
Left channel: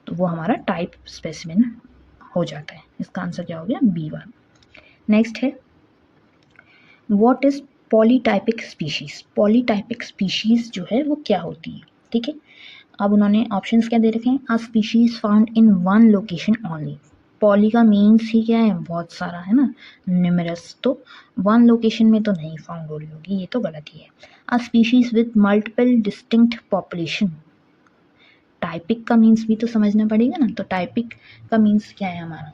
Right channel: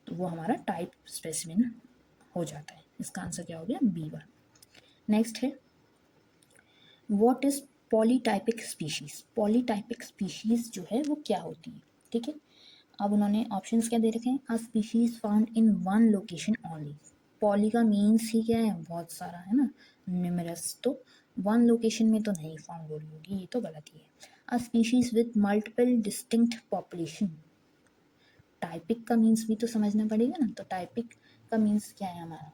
तो वो हमारा टाइप स्पेसिमेन हो जाता है, इसका आंसर क्या हो गया, बी वन। नेक्स्ट है, what is polytypic species. Polytypic species जो है वो क्या होती है, ठीक है। अब उन्होंने ऑप्शंस क्या दे रखे हैं, a species found in one location only. Poly का मीन्स ही क्या है, बहुत सारा, है ना, न्यूमरस, तो वन लोकेशन में तो नहीं फाउंड हो रही होगी, ये तो गलत ही है। A species with multiple distinct population. Typic का मीन्स भी तो समझना पड़ेगा ना, तो टाइपिक का मीन्स क्या है हमारा,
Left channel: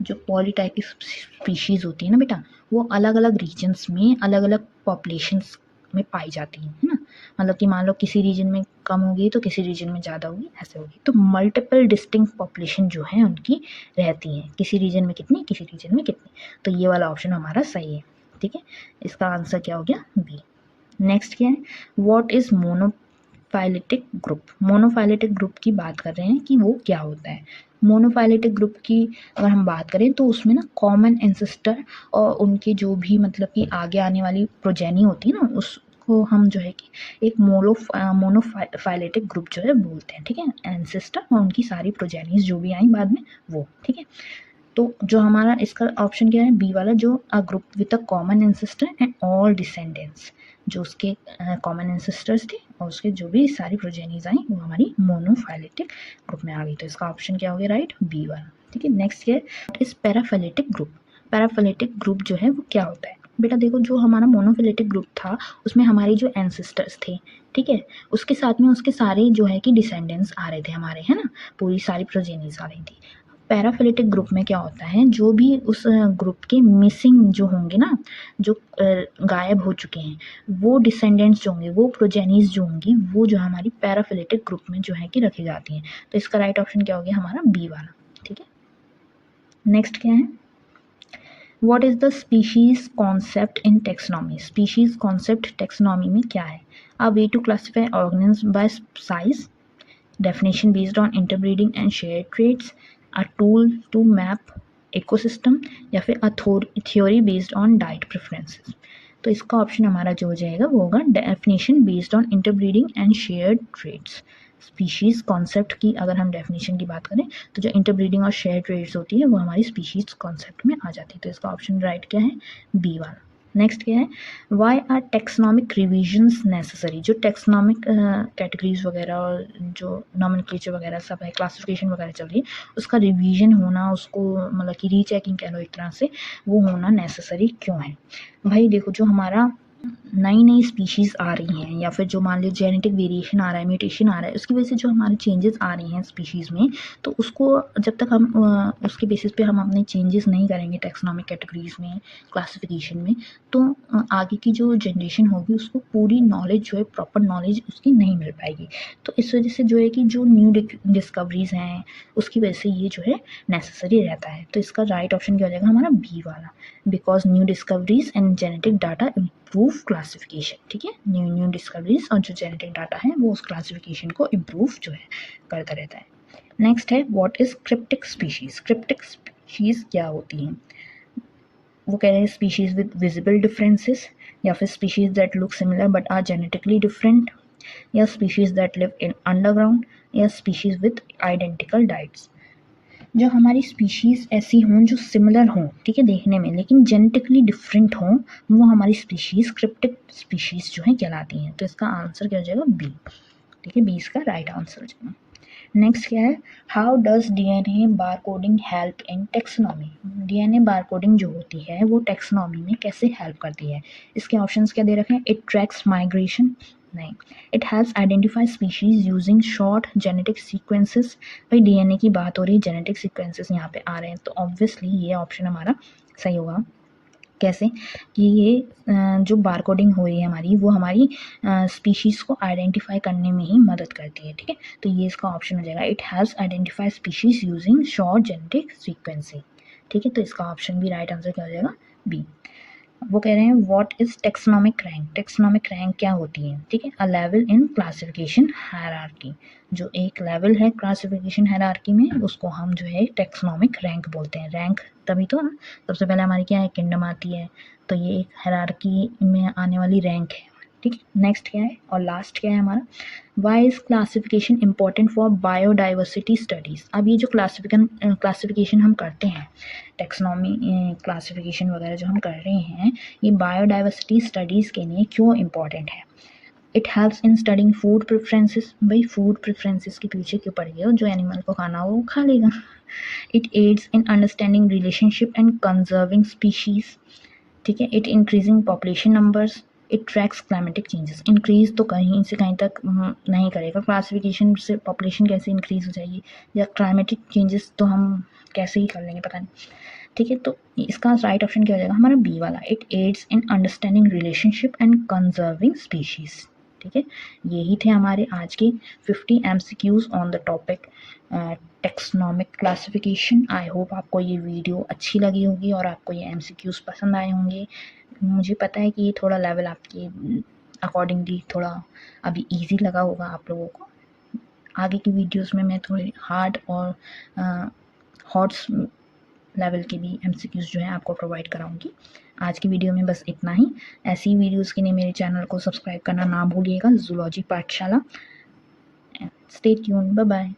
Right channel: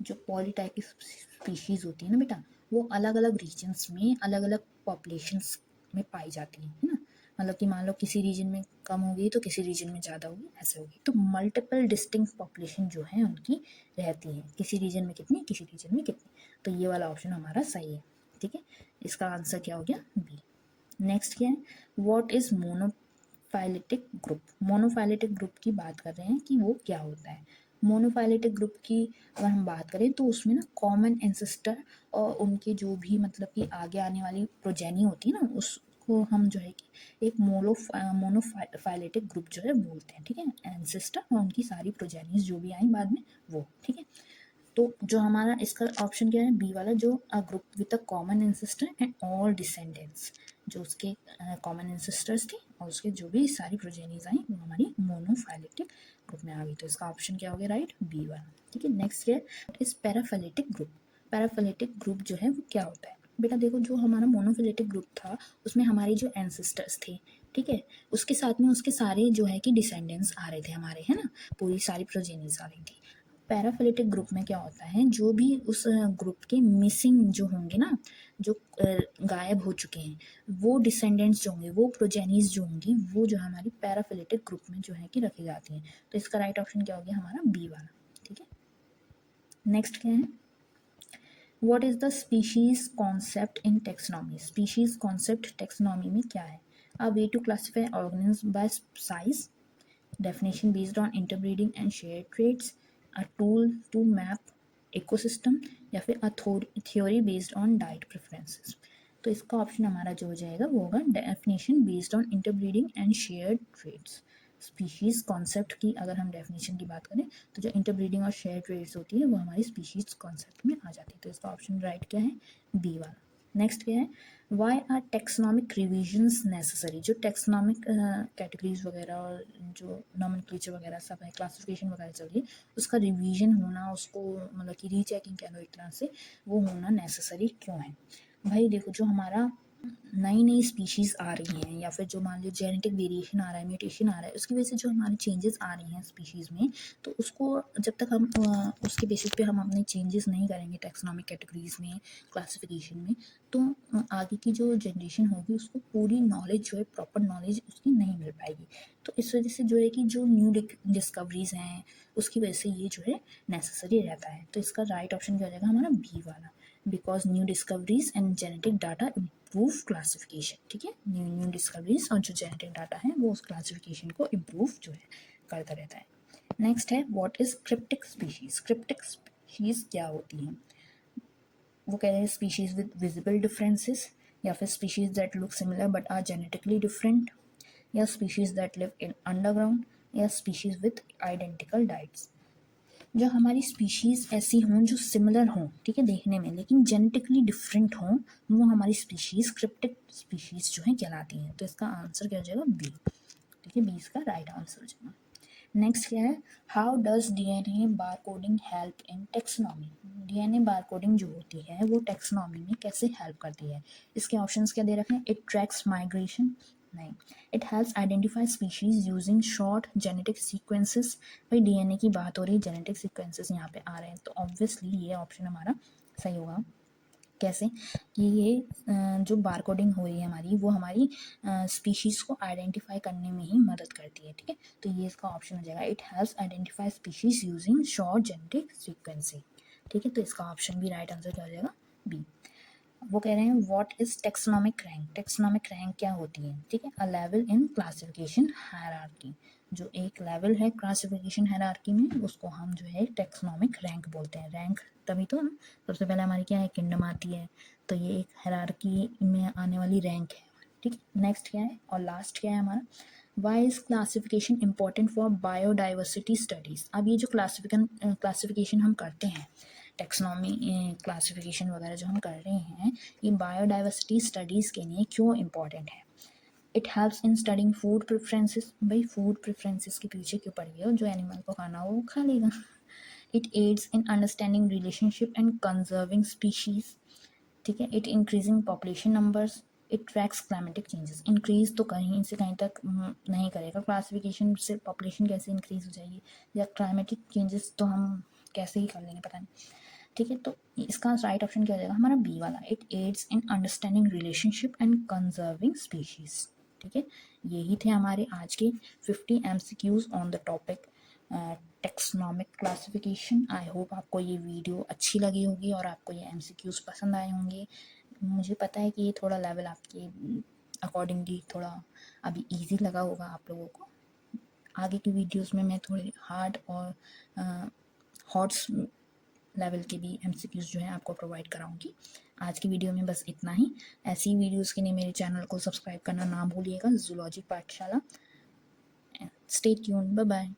जो पॉलीटाइपिक स्पीशीज़ होती है ना बेटा, वो अलग अलग रीजन्स में अलग अलग पॉपुलेशंस में पाई जाती हैं, है ना। मतलब कि मान लो किसी रीजन में कम होगी तो किसी रीजन में ज़्यादा होगी, ऐसे होगी। तो मल्टीपल डिस्टिंक्ट पॉपुलेशन जो है उनकी रहती हैं, किसी रीजन में कितनी, किसी रीजन में कितनी। तो ये वाला ऑप्शन हमारा सही है, ठीक है। इसका आंसर क्या हो गया, बी। नेक्स्ट क्या है, what is monophyletic group. Monophyletic group की बात कर रहे हैं कि वो क्या होता है। मोनोफाइलेटिक ग्रुप की अगर हम बात करें तो उसमें ना कॉमन एंसेस्टर और उनके जो भी मतलब कि आगे आने वाली प्रोजेनी होती है ना, उसको हम जो है कि एक मोनोफाइलेटिक ग्रुप जो है बोलते हैं, ठीक है। एंसेस्टर और उनकी सारी प्रोजेनीज जो भी आई बाद में वो, ठीक है। तो जो हमारा इसका ऑप्शन क्या है, बी वाला, जो a group with a common ancestor and all descendants. जो उसके कॉमन एंसेस्टर्स थे और उसके जो भी सारी प्रोजेनीज आई वो हमारी मोनोफाइलेटिक ग्रुप में आ गई। तो इसका ऑप्शन क्या हो गया, राइट, बी वाला, ठीक है। नेक्स्ट है, इस पैराफिलेटिक ग्रुप। पैराफिलेटिक ग्रुप जो है वो क्या होता है बेटा, देखो जो हमारा मोनोफिलेटिक ग्रुप था उसमें हमारे जो एंसेस्टर्स थे, ठीक है, उसके साथ में उसके सारे जो है कि डिसेंडेंट्स आ रहे थे हमारे, है ना, पूरी सारी प्रोजेनीज आ रही थी। पैराफिलेटिक ग्रुप में क्या होता है, जो भी उस ग्रुप के मिसिंग जो होंगे ना, जो गायब हो चुके हैं, वो डिसेंडेंट्स जो होंगे, वो प्रोजेनीज जो होंगी, वो जो हमारी पैराफिलेटिक ग्रुप में जो है कि रखी जाती हैं। तो इसका राइट ऑप्शन क्या हो गया हमारा, बी वाला, ठीक है। नेक्स्ट क्या है, what is the species concept in taxonomy. Species concept taxonomy में क्या है, a way to classify organism by size, definition based on interbreeding and shared traits, a tool to map ecosystem, या फिर a theory based on diet preferences। तो इसका option हमारा जो हो जाएगा वो होगा definition based on interbreeding and shared traits. Species concept की अगर हम डेफिनेशन की बात करें तो जो इंटरब्रीडिंग और शेयर ट्रेड्स होती है वो हमारी स्पीशीज़ कॉन्सेप्ट में आ जाती है। तो इसका ऑप्शन राइट क्या है, बी वाला। नेक्स्ट क्या है, वाई आर टेक्सनॉमिक रिविजन्स नेसेसरी। जो टेक्सनॉमिक कैटेगरीज वगैरह और जो नॉमेनक्लेचर वगैरह सब है, क्लासिफिकेशन वगैरह चल रही है, उसका रिवीजन होना, उसको मतलब कि रीचेकिंग कह लो एक तरह से, वो होना नेसेसरी क्यों है। भाई देखो, जो हमारा नई नई स्पीशीज़ आ रही हैं या फिर जो मान लो जेनेटिक वेरिएशन आ रहा है, म्यूटेशन आ रहा है, उसकी वजह से जो हमारे चेंजेस आ रही हैं स्पीशीज़ में, तो उसको जब तक हम उसके बेसिस पे हम अपने चेंजेस नहीं करेंगे टेक्सोनॉमिक कैटेगरीज में, क्लासिफिकेशन में, तो आगे की जो जनरेशन होगी उसको पूरी नॉलेज जो है, प्रॉपर नॉलेज उसकी नहीं मिल पाएगी। तो इस वजह से जो है कि जो न्यू डिस्कवरीज हैं उसकी वजह से ये जो है नेसेसरी रहता है। तो इसका राइट ऑप्शन क्या हो जाएगा हमारा, बी वाला, because new discoveries and genetic data improve classification. ठीक है, न्यू डिस्कवरीज और जो जेनेटिक डाटा है वो उस क्लासिफिकेशन को इम्प्रूव जो है करता रहता है। नेक्स्ट है, what is cryptic species. Cryptic species क्या होती हैं, वो कह रहे हैं स्पीशीज विद विजिबल डिफरेंसेस, या फिर species that look similar but are genetically different, या species that live in underground, या स्पीशीज विद आइडेंटिकल डाइट्स। जो हमारी स्पीशीज़ ऐसी हों जो सिमिलर हों, ठीक है, देखने में, लेकिन जेनेटिकली डिफरेंट हों, वो हमारी स्पीशीज़ क्रिप्टिक स्पीशीज़ जो हैं कहलाती हैं। तो इसका आंसर क्या हो जाएगा, बी। ठीक है, बी इसका राइट आंसर हो जाएगा। नेक्स्ट क्या है, how does DNA barcoding help in taxonomy. DNA barcoding जो होती है वो टेक्सोनॉमी में कैसे हेल्प करती है। इसके ऑप्शंस क्या दे रखे हैं, इट ट्रैक्स माइग्रेशन, नहीं, it helps identify species using short genetic sequences. भाई डीएनए की बात हो रही है, जेनेटिक सीक्वेंसेस यहाँ पे आ रहे हैं, तो ऑब्वियसली ये ऑप्शन हमारा सही होगा। कैसे कि ये जो बारकोडिंग हो रही है हमारी, वो हमारी स्पीशीज़ को आइडेंटिफाई करने में ही मदद करती है। ठीक है, तो ये इसका ऑप्शन हो जाएगा, it helps identify species using short genetic sequencing. ठीक है, तो इसका ऑप्शन भी राइट आंसर क्या हो जाएगा, बी। वो कह रहे हैं what is taxonomic rank. Taxonomic rank क्या होती है, ठीक है, a level in classification hierarchy. जो एक लेवल है क्लासिफिकेशन हायरार्की में, उसको हम जो है टेक्सोनॉमिक रैंक बोलते हैं। रैंक तभी तो ना, सबसे पहले हमारी क्या है, किंगडम आती है, तो ये एक हायरार्की में आने वाली रैंक है। ठीक है, नेक्स्ट क्या है और लास्ट क्या है हमारा, why is classification important for biodiversity studies. अब ये जो क्लासिफिकेशन हम करते हैं, टेक्सोनॉमी क्लासिफिकेशन वगैरह जो हम कर रहे हैं, ये बायोडाइवर्सिटी स्टडीज़ के लिए क्यों इम्पॉर्टेंट है। It helps in studying food preferences. भाई फूड प्रेफरेंसेस के पीछे क्यों पड़ गए हो, जो एनिमल को खाना हो वो खा लेगा। It adds in understanding relationship and conserving species. ठीक है, it increasing population numbers, it tracks climatic changes. Increase तो कहीं से कहीं तक नहीं करेगा, क्लासिफिकेशन से पॉपुलेशन कैसे इंक्रीज हो जाएगी, या क्लाइमेटिक चेंजेस तो हम कैसे ही कर लेंगे, पता नहीं। ठीक है, तो इसका राइट ऑप्शन क्या हो जाएगा हमारा, बी वाला, it adds in understanding relationship and conserving species. ठीक है, यही थे हमारे आज के 50 MCQs on the topic taxonomic classification. I hope आपको ये वीडियो अच्छी लगी होगी और आपको ये MCQs पसंद आए होंगे। मुझे पता है कि ये थोड़ा लेवल आपके अकॉर्डिंगली थोड़ा अभी इजी लगा होगा आप लोगों को। आगे की वीडियोस में मैं थोड़ी हार्ड और हॉट्स लेवल के भी MCQs जो है आपको प्रोवाइड कराऊंगी। आज की वीडियो में बस इतना ही। ऐसी वीडियोस के लिए मेरे चैनल को सब्सक्राइब करना ना भूलिएगा, जूलॉजी पाठशाला। Stay tuned, bye bye.